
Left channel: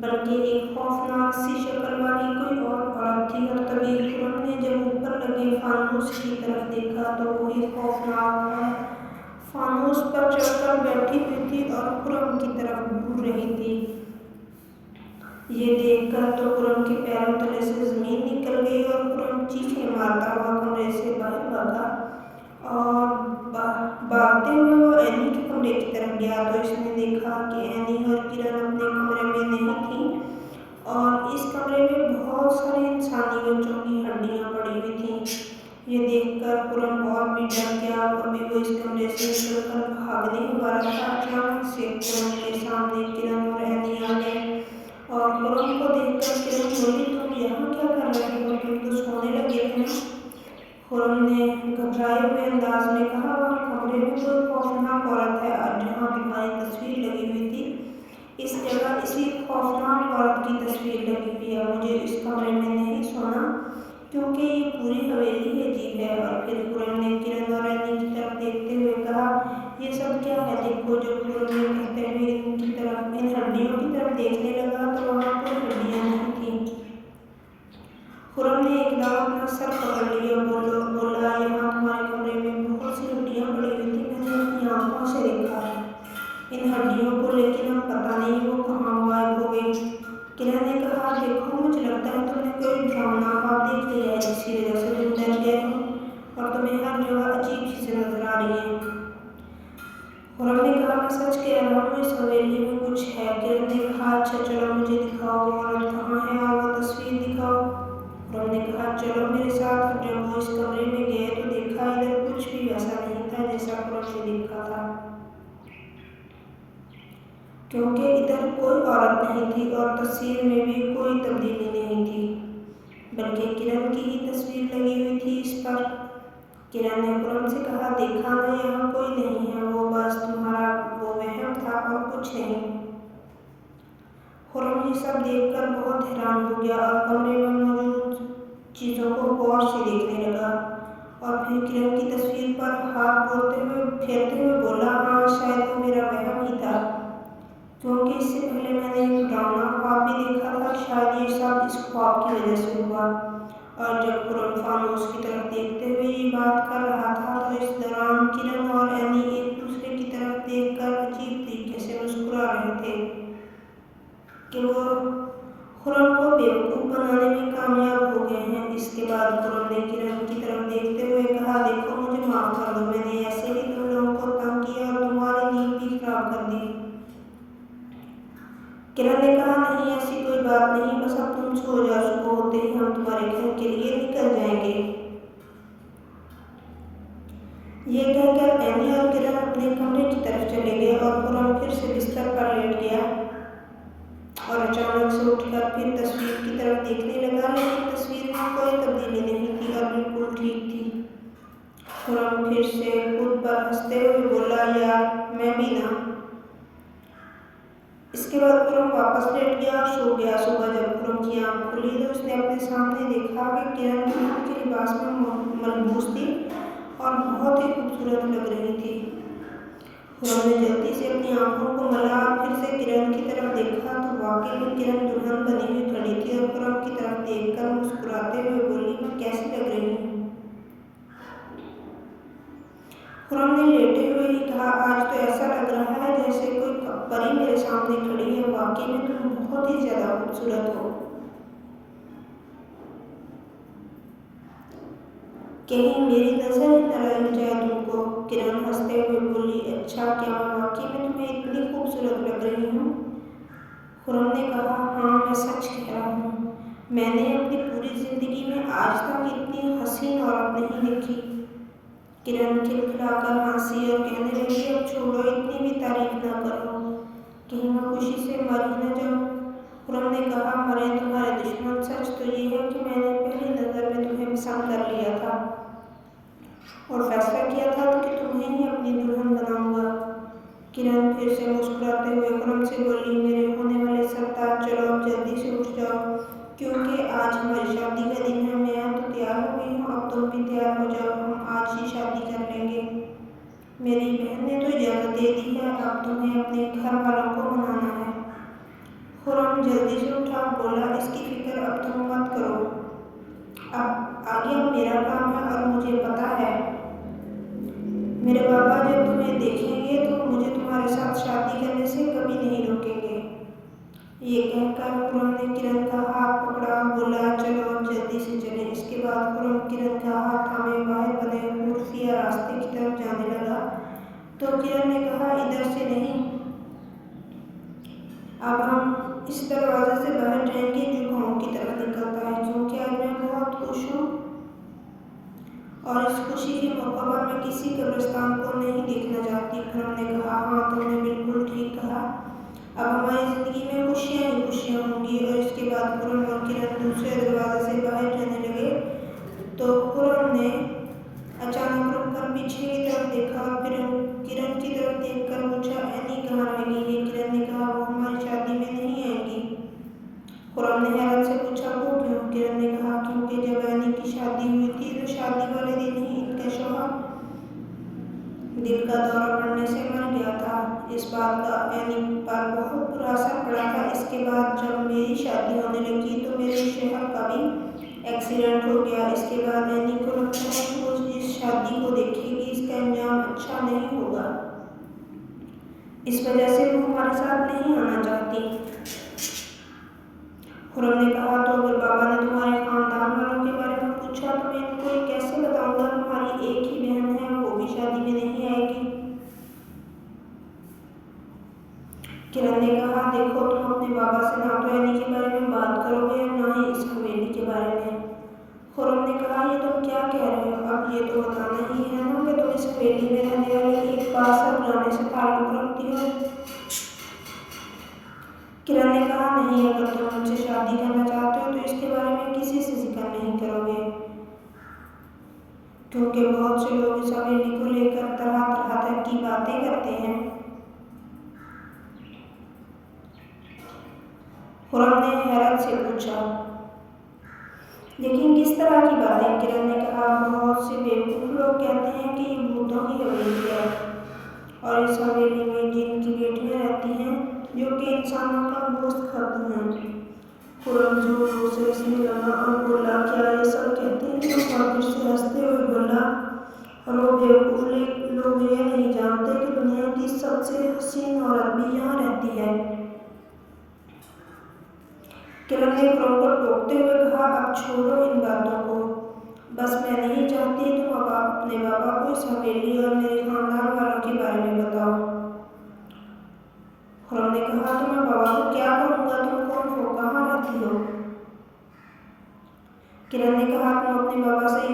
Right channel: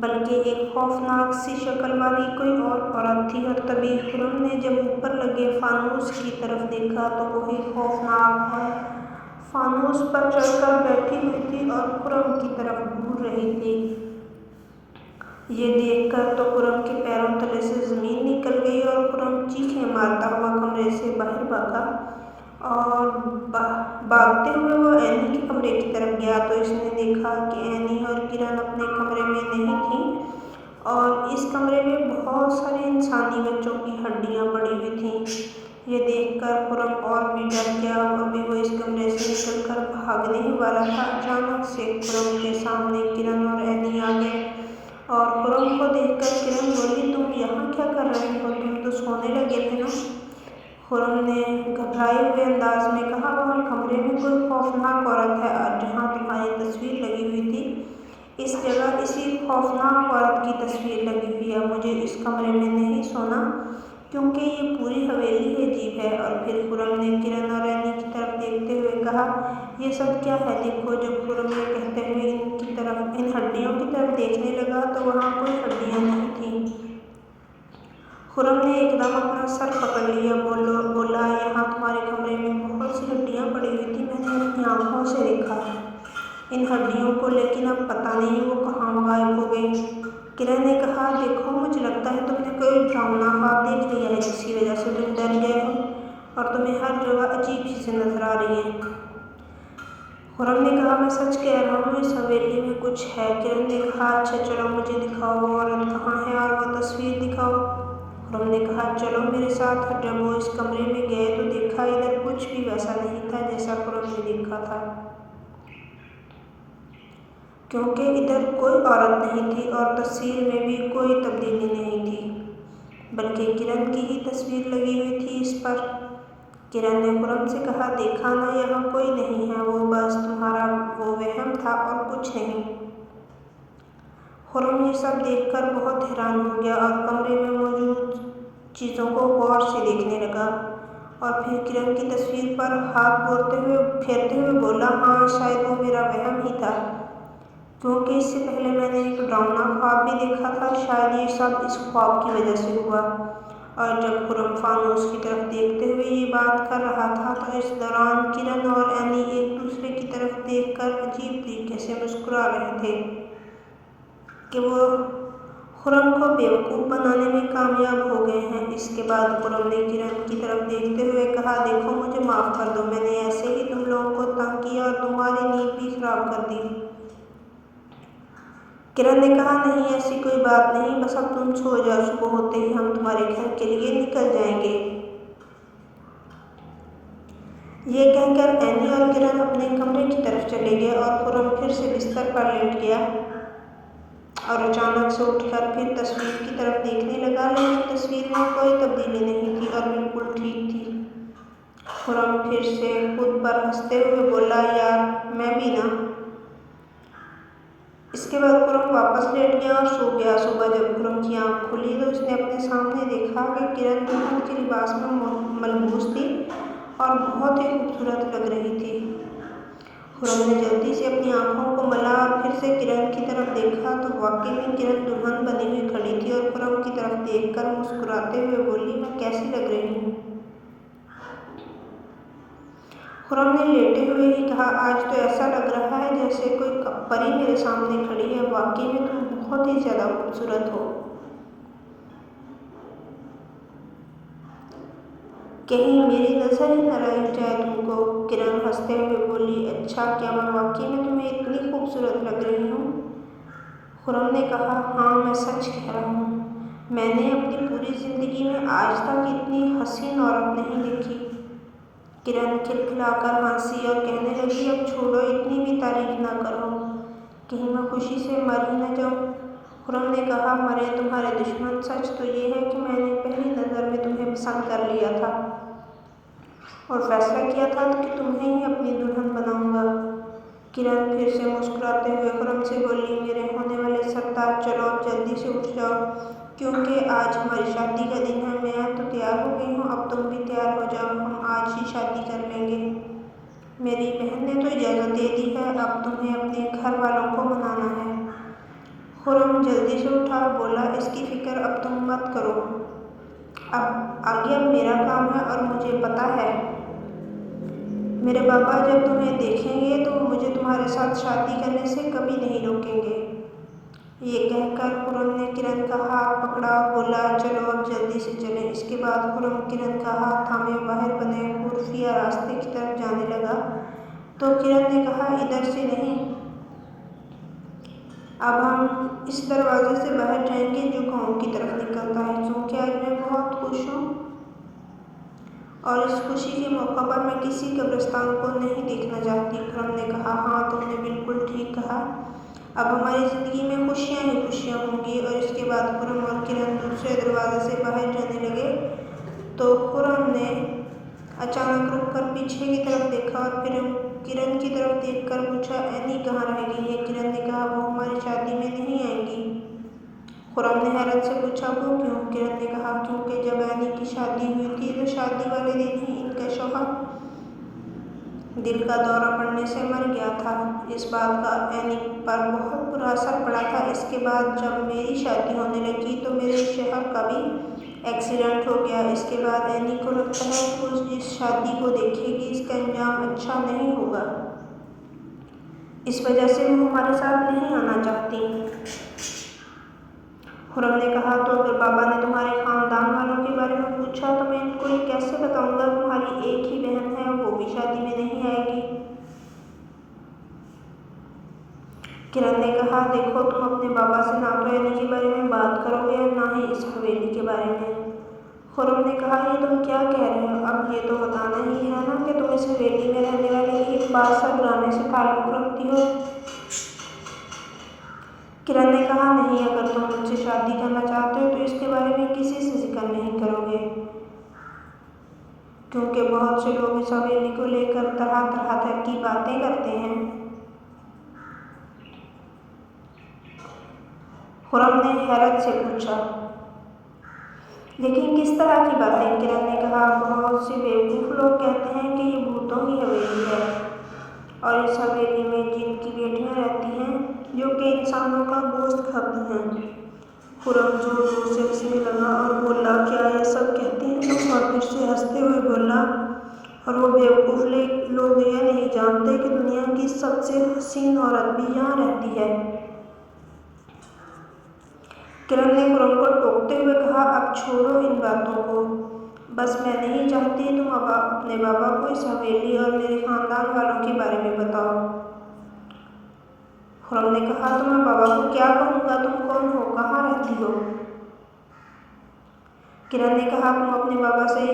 بلکہ ایک خوفناک سی شکل والی کوئی اور عورت تھی، اور تبھی خرم نے جب اوپر لگے فانوس کی طرف دیکھا تو وہی خوفناک عورت فانوس پر چڑھ کر بیٹھی ہوئی تھی اور خرم کی طرف گھور رہی تھی۔ یہ دیکھ کر تو خرم کے پیروں تلے سے زمین نکل گئی اور خرم چیخیں مارتا ہوا کمرے سے باہر بھاگا، اور بھاگتے ہوئے وہ اینی کے کمرے کی طرف گیا تو اس نے دیکھا کہ اینی اور کرن اپنے کمرے میں نہیں تھیں، اور اس کمرے میں بہت سارے انسانی بچوں کی ہڈیاں پڑی ہوئی تھیں۔ یہ دیکھ کر خرم اور بھی ڈر گیا، ابھی وہ اس کمرے سے نکل کر بھاگنے ہی والا تھا، اچانک سے خرم کے سامنے کرن اور اینی آ گئے، اور خرم کو دیکھ کر کرن بولی، تم یہاں کیا کر رہے ہو؟ تم تو سونے لگے تھے نا؟ خرم نے گھبرائے ہوئے انداز میں کہا، وہاں کمرے میں کوئی خوفناک عورت ہے جہاں تمہاری تصویر لگی ہوئی تھی، اس جگہ اسی خوفناک عورت کی تصویر لگی ہوئی ہے۔ مجھے اس کمرے میں نہیں سونا کیونکہ یہ پوری حویلی عجیب ہے۔ اور پھر خرم نے کرن اور اینی کی طرف دیکھتے ہوئے کہا، یہ سب کیا ہے؟ دیکھو۔ جب خرم یہ کہتے ہوئے ان ہڈیوں کی طرف دیکھنے لگا تو وہاں کوئی ہڈیاں نہیں تھیں۔ خرم نے ایک دم اپنا سر پکڑ لیا، بولا، یہاں تمہارے کمرے میں بہت سی ہڈیاں پڑی ہوئی تھیں، میں نے اپنی آنکھوں سے دیکھا ان ہڈیوں کو، لیکن اب پتہ نہیں وہ کہاں غائب ہو گئی۔ کرن نے کہا، دیکھو، مجھے لگتا ہے تم نے کوئی ڈراؤنا خواب دیکھ لیا ہے جس کی وجہ سے تم ڈر گئے ہو اور تمہیں ہر جگہ عجیب چیزیں نظر آ رہی ہیں۔ خرم نے کہا، میں سچ کہہ رہا ہوں، اس حویلی میں کچھ ہے۔ کرن نے کہا، اچھا چلو مجھے دکھاؤ وہ عورت کہاں ہے اور وہ تصویر دکھاؤ۔ خرم نے کہا، چلو میرے ساتھ۔ اور جب وہ اس کمرے میں گئے تو دیکھا ادھر کچھ بھی ویسا نہیں تھا جیسا خرم نے دیکھا تھا، کیونکہ ادھر کوئی عورت نہیں تھی اور تصویر میں بھی کوئی تبدیلی نہیں تھی، بلکہ کرن کی ہی تصویر لگی ہوئی تھی اس پر۔ کرن نے خرم سے کہا، دیکھا نا، یہاں کوئی نہیں ہے، وہ بس تمہارا وہ وہم تھا اور کچھ نہیں۔ خرم یہ سب دیکھ کر بہت حیران ہو گیا اور کمرے میں موجود چیزوں کو غور سے دیکھنے لگا، اور پھر کرن کی تصویر پر ہاتھ پھیرتے ہوئے بولا، ہاں، شاید وہ میرا وہم ہی تھا، کیونکہ اس سے پہلے میں نے ایک ڈراؤنا خواب بھی دیکھا تھا، شاید یہ سب اس خواب کی وجہ سے ہوا۔ اور جب خرم فانوس کی طرف دیکھتے ہوئے یہ بات کر رہا تھا تو اس دوران کرن اور اینی ایک دوسرے کی طرف دیکھ کر عجیب طریقے سے مسکرا رہے تھے کہ وہ خرم کو بیوقوف بنانے میں کامیاب ہو گئے ہیں۔ اس کے بعد خرم نے کرن کی طرف دیکھتے ہوئے کہا، دیکھو، مجھے معاف کر دو، میں نے ایسے ہی تم لوگوں کو تنگ کیا اور تمہاری نیند بھی خراب کر دی۔ کرن نے کہا، نہیں، ایسی کوئی بات نہیں، بس اب تم سو جاؤ، صبح ہوتے ہی ہم تمہارے گھر کے لیے نکل جائیں گے۔ یہ کہہ کر اینی اور کرن اپنے کمرے کی طرف چلے گئے اور خرم پھر سے بستر پر لیٹ گیا اور اچانک سے اٹھ کر پھر تصویر کی طرف دیکھنے لگا، لیکن تصویر میں کوئی تبدیلی نہیں تھی اور بالکل ٹھیک تھی۔ خرم پھر سے خود پر ہنستے ہوئے بولا، یار، میں بھی نا۔ اس کے بعد خرم واپس لیٹ گیا اور سو گیا۔ صبح جب خرم کی آنکھ کھلی تو اس نے اپنے سامنے دیکھا کہ کرن دلہن کے لباس میں ملبوس تھی اور بہت ہی خوبصورت لگ رہی تھی۔ خرم نے جلدی سے اپنی آنکھوں کو ملا اور پھر سے کرن کی طرف دیکھا تو واقعی میں کرن دلہن بنی ہوئی کھڑی تھی اور خرم کی طرف دیکھ کر مسکراتے ہوئے بولی، میں کیسی لگ رہی ہوں؟ خرم نے لیٹے ہوئے ہی کہا، آج تو ایسا لگ رہا ہے جیسے کوئی پری میرے سامنے کھڑی ہے، واقعی میں تم بہت ہی زیادہ خوبصورت ہو۔ کہیں میری نظر ہی نہ لگ جائے تم کو۔ کرن ہنستے ہوئے بولی، اچھا، کیا میں واقعی میں تمہیں اتنی خوبصورت لگ رہی ہوں؟ خرم نے کہا، ہاں، میں سچ کہہ رہا ہوں، میں نے اپنی پوری زندگی میں آج تک اتنی حسین عورت نہیں دیکھی۔ کرن کھلکھلا کر ہنسی اور کہنے لگی، اب چھوڑو، اتنی بھی تعریف نہ کرو، کہیں میں خوشی سے مر ہی نہ جاؤں۔ خرم نے کہا، مرے تمہارے دشمن، سچ تو یہ ہے کہ میں نے پہلی نظر میں تمہیں پسند کر لیا تھا اور فیصلہ کیا تھا کہ تمہیں ہی اپنی دلہن بناؤں گا۔ کرن پھر سے مسکراتے ہوئے خرم سے بولی، میرے ہونے والے سرتاج، چلو اب جلدی سے اٹھ جاؤ، کیونکہ آج ہماری شادی کا دن ہے۔ میں تو تیار ہو گئی ہوں، اب تم بھی تیار ہو جاؤ، ہم آج ہی شادی کر لیں گے۔ میری بہن نے تو اجازت دے دی ہے، اب تمہیں اپنے گھر والوں کو منانا ہے۔ خرم خرم جلدی سے اٹھا اور بولا، اس کی فکر اب تم مت کرو، آگے اب میرا کام ہے اور مجھے پتہ ہے میرے بابا جب تمہیں دیکھیں گے تو مجھے تمہارے ساتھ شادی کرنے سے کبھی نہیں روکیں گے۔ یہ کہہ کر خرم نے کرن کا ہاتھ پکڑا اور بولا، چلو اب جلدی سے چلیں۔ اس کے بعد خرم کرن کا ہاتھ تھامے باہر بنے خفیہ راستے کی طرف جانے لگا تو کرن نے کہا، ادھر سے نہیں، اب ہم اس دروازے سے باہر جائیں گے جو گاؤں کی طرف نکلتا ہے، کیونکہ آج میں بہت خوش ہوں اور اس خوشی کے موقع پر میں کسی قبرستان کو نہیں دیکھنا چاہتی۔ خرم نے کہا، ہاں تم نے بالکل ٹھیک کہا، اب ہماری زندگی میں خوشیاں ہی خوشیاں ہوں گی۔ اور اس کے بعد خرم اور کرن دوسرے دروازے سے باہر جانے لگے تو خرم نے اچانک رک کر پیچھے کی طرف دیکھا اور پھر کرن کی طرف دیکھ کر پوچھا، اینی کہاں رہ گئی ہے؟ کرن نے کہا، وہ ہماری شادی میں نہیں آئیں گی۔ خرم نے حیرت سے پوچھا، وہ کیوں؟ کرن نے کہا، کیونکہ جب اینی کی شادی ہوئی تھی تو شادی والے دن ہی ان کا شوہر دل کا دورہ پڑنے سے مر گیا تھا۔ اس بات کا اینی پر بہت برا اثر پڑا تھا۔ اس کے بعد جب میری شادی ہونے لگی تو میرے شوہر کا بھی ایکسیڈنٹ ہو گیا۔ اس کے بعد اینی کو لگتا ہے کہ وہ جس شادی کو دیکھے گی اس کا انجام اچھا نہیں ہوگا، اس وجہ سے وہ ہمارے ساتھ نہیں آنا چاہتی۔ خرم نے کہا، تو اگر بابا نے تمہارے خاندان والوں کے بارے میں پوچھا تو میں ان کو یہ کیسے بتاؤں گا؟ تمہاری ایک ہی بہن ہے، وہ بھی شادی میں نہیں آئے گی۔ کرن نے کہا، دیکھو تم اپنے بابا سے نہ تو اینی کے بارے میں بات کرو گے اور نہ ہی اس حویلی کے بارے میں۔ خرم نے کہا، یہ تم کیا کہہ رہے ہو؟ اب یہ تو بتانا ہی ہے نا کہ تم اس حویلی میں رہنے والے ایک پاسر گھرانے سے تعلق رکھتی ہو۔ کرن نے کہا، نہیں، اگر تم مجھ سے شادی کرنا چاہتے ہو تو اس کے بارے میں کسی سے ذکر نہیں کرو گے، کیونکہ بہت سے لوگ اس حویلی کو لے کر طرح طرح کی باتیں کرتے ہیں۔ خرم نے حیرت سے پوچھا، لیکن کس طرح کی باتیں؟ کرن نے کہا، بہت سے بیوقوف لوگ کہتے ہیں کہ یہ بھوتوں کی حویلی ہے اور اس حویلی میں جن کی بیٹیاں رہتی ہیں جو کہ انسانوں کا گوشت کھاتی ہیں۔ خرم زور زور سے ہنسنے لگا اور بولا، کیا یہ سب کہتے ہیں لوگ؟ اور پھر سے ہنستے ہوئے بولا، اور وہ بیوقوف لوگ یہ نہیں جانتے کہ دنیا کی سب سے حسین عورت بھی یہاں رہتی ہے۔ کرن نے خرم کو ٹوکتے ہوئے کہا، اب چھوڑو ان باتوں کو، بس میں نہیں چاہتی تم اب اپنے بابا کو اس حویلی اور میرے خاندان والوں کے بارے میں بتاؤ۔ خرم نے کہا، تو میں بابا کو کیا کہوں گا؟ تم کون ہو؟ کہاں رہتی ہو؟ کرن نے کہا، تم اپنے بابا سے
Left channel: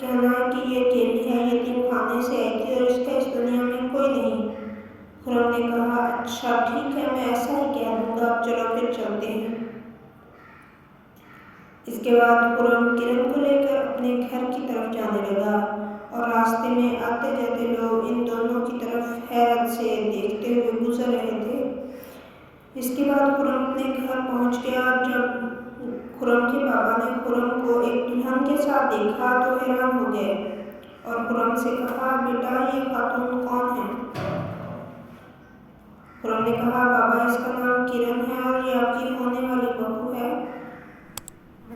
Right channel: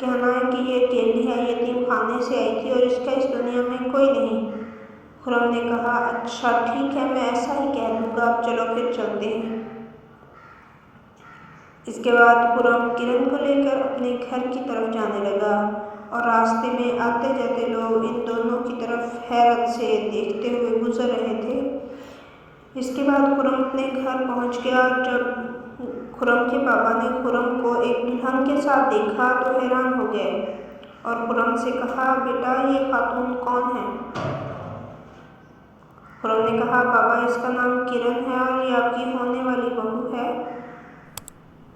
کہنا ہے کہ یہ اکیلی ہے، یتیم خانے سے آئی تھی اور اس کا اس دنیا میں کوئی نہیں۔ خرم نے کہا، اچھا ٹھیک ہے، میں ایسا ہی کہہ دوں گا، اب چلو پھر چلتے ہیں۔ اس کے بعد خرم کرن کو لے کر اپنے گھر کی طرف جانے لگا اور راستے میں آتے جاتے لوگ ان دونوں کی طرف حیرت سے دیکھتے ہوئے گزر رہے تھے۔ اس کے بعد خرم اپنے گھر پہنچ گیا اور جب خرم کے بابا نے خرم کو ایک دلہن کے ساتھ دیکھا تو حیران ہو گئے اور خرم سے کہا، بیٹا یہ خاتون کون ہے؟ خرم نے کہا، بابا اس کا نام کرن ہے اور یہ آپ کی ہونے والی بہو ہے۔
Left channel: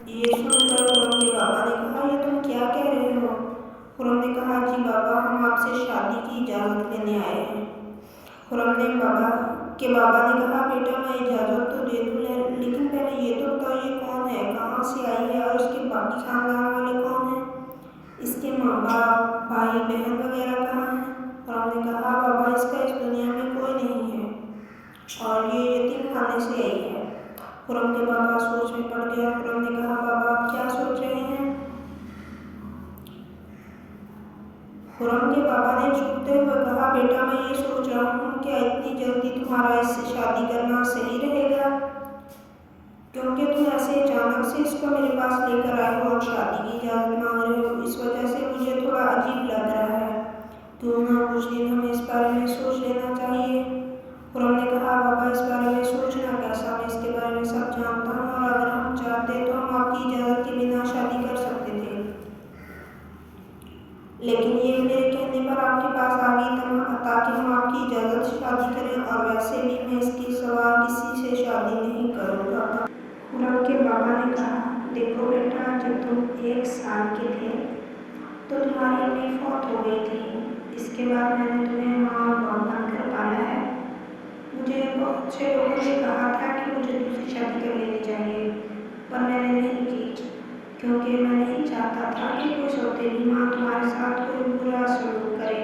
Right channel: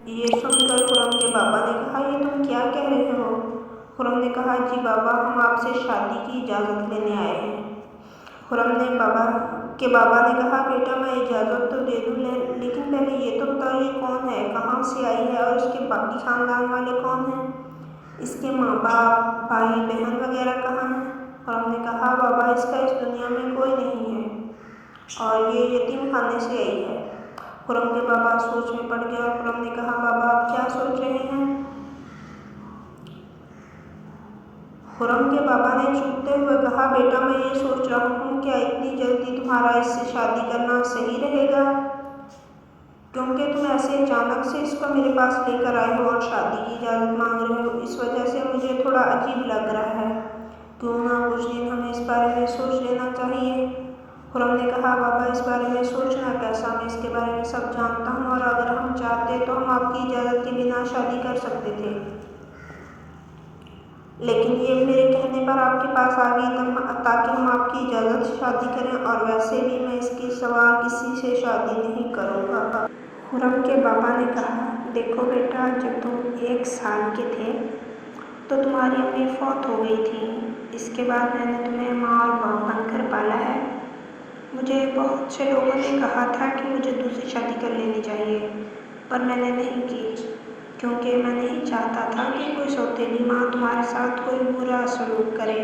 یہ سن کر خرم کے بابا نے کہا، یہ تم کیا کہہ رہے ہو؟ خرم نے کہا، جی بابا، ہم آپ سے شادی کی اجازت لینے آئے ہیں۔ خرم کے بابا نے کہا، بیٹا میں اجازت تو دے دوں، لیکن پہلے یہ تو بتاؤ یہ کون ہے، کہاں سے آئی ہے اور اس کے باقی خاندان والے کون ہیں؟ اس کے ماں باپ، بھائی بہن وغیرہ کہاں ہیں؟ خرم نے کہا، بابا اس کا اس دنیا میں کوئی نہیں ہے اور یہ یتیم خانے سے آئی ہے۔ خرم کے بابا سوچ میں پڑ گئے اور خرم نے کہا، بابا آپ کیا سوچ رہے ہیں؟ خرم کے بابا نے چونکتے ہوئے کہا، بیٹا میں یہ سوچ رہا ہوں کیا اتنی جلدی تمہارا اس سے شادی کرنا صحیح رہے گا، کیونکہ تم ایسے اچانک سے اس کو میرے پاس لے کر آئے ہو اور شادی کی اجازت مانگ رہے ہو، اس وجہ سے مجھے تھوڑا عجیب لگ رہا ہے، کیوں نہ کچھ دن ہمیں اس بارے میں سوچ لینا چاہیے۔ خرم نے کہا، بابا اس بارے میں سوچنا کیسا، میں اس کے بارے میں سب جانتا ہوں اور اگر ہم چاہتے تو ہم آپ کی اجازت کے بنا شادی کر سکتے تھے۔ لیکن یہ میرے کہنے پر آپ کے پاس آ گئی تاکہ ہم آپ کی اجازت سے شادی کریں، اور ویسے بھی میں اس کے سوا کسی سے شادی نہیں کروں گا۔ خرم کے بابا نے کہا، دیکھو بیٹا، جب تم 1 سال کے تھے تو تمہاری امی فوت ہو گئی تھی۔ اس کے بعد میں نے تمہیں ماں اور باپ بن کر پالا ہے۔ مجھے بہت سے لوگوں نے کہا تھا کہ مجھے دوسری شادی کر لینی چاہیے، پر میں نے نہیں کی، کیونکہ میں نہیں چاہتا تھا کہ کوئی سوتیلی ماں تمہارے ساتھ کوئی برا سلوک کرے۔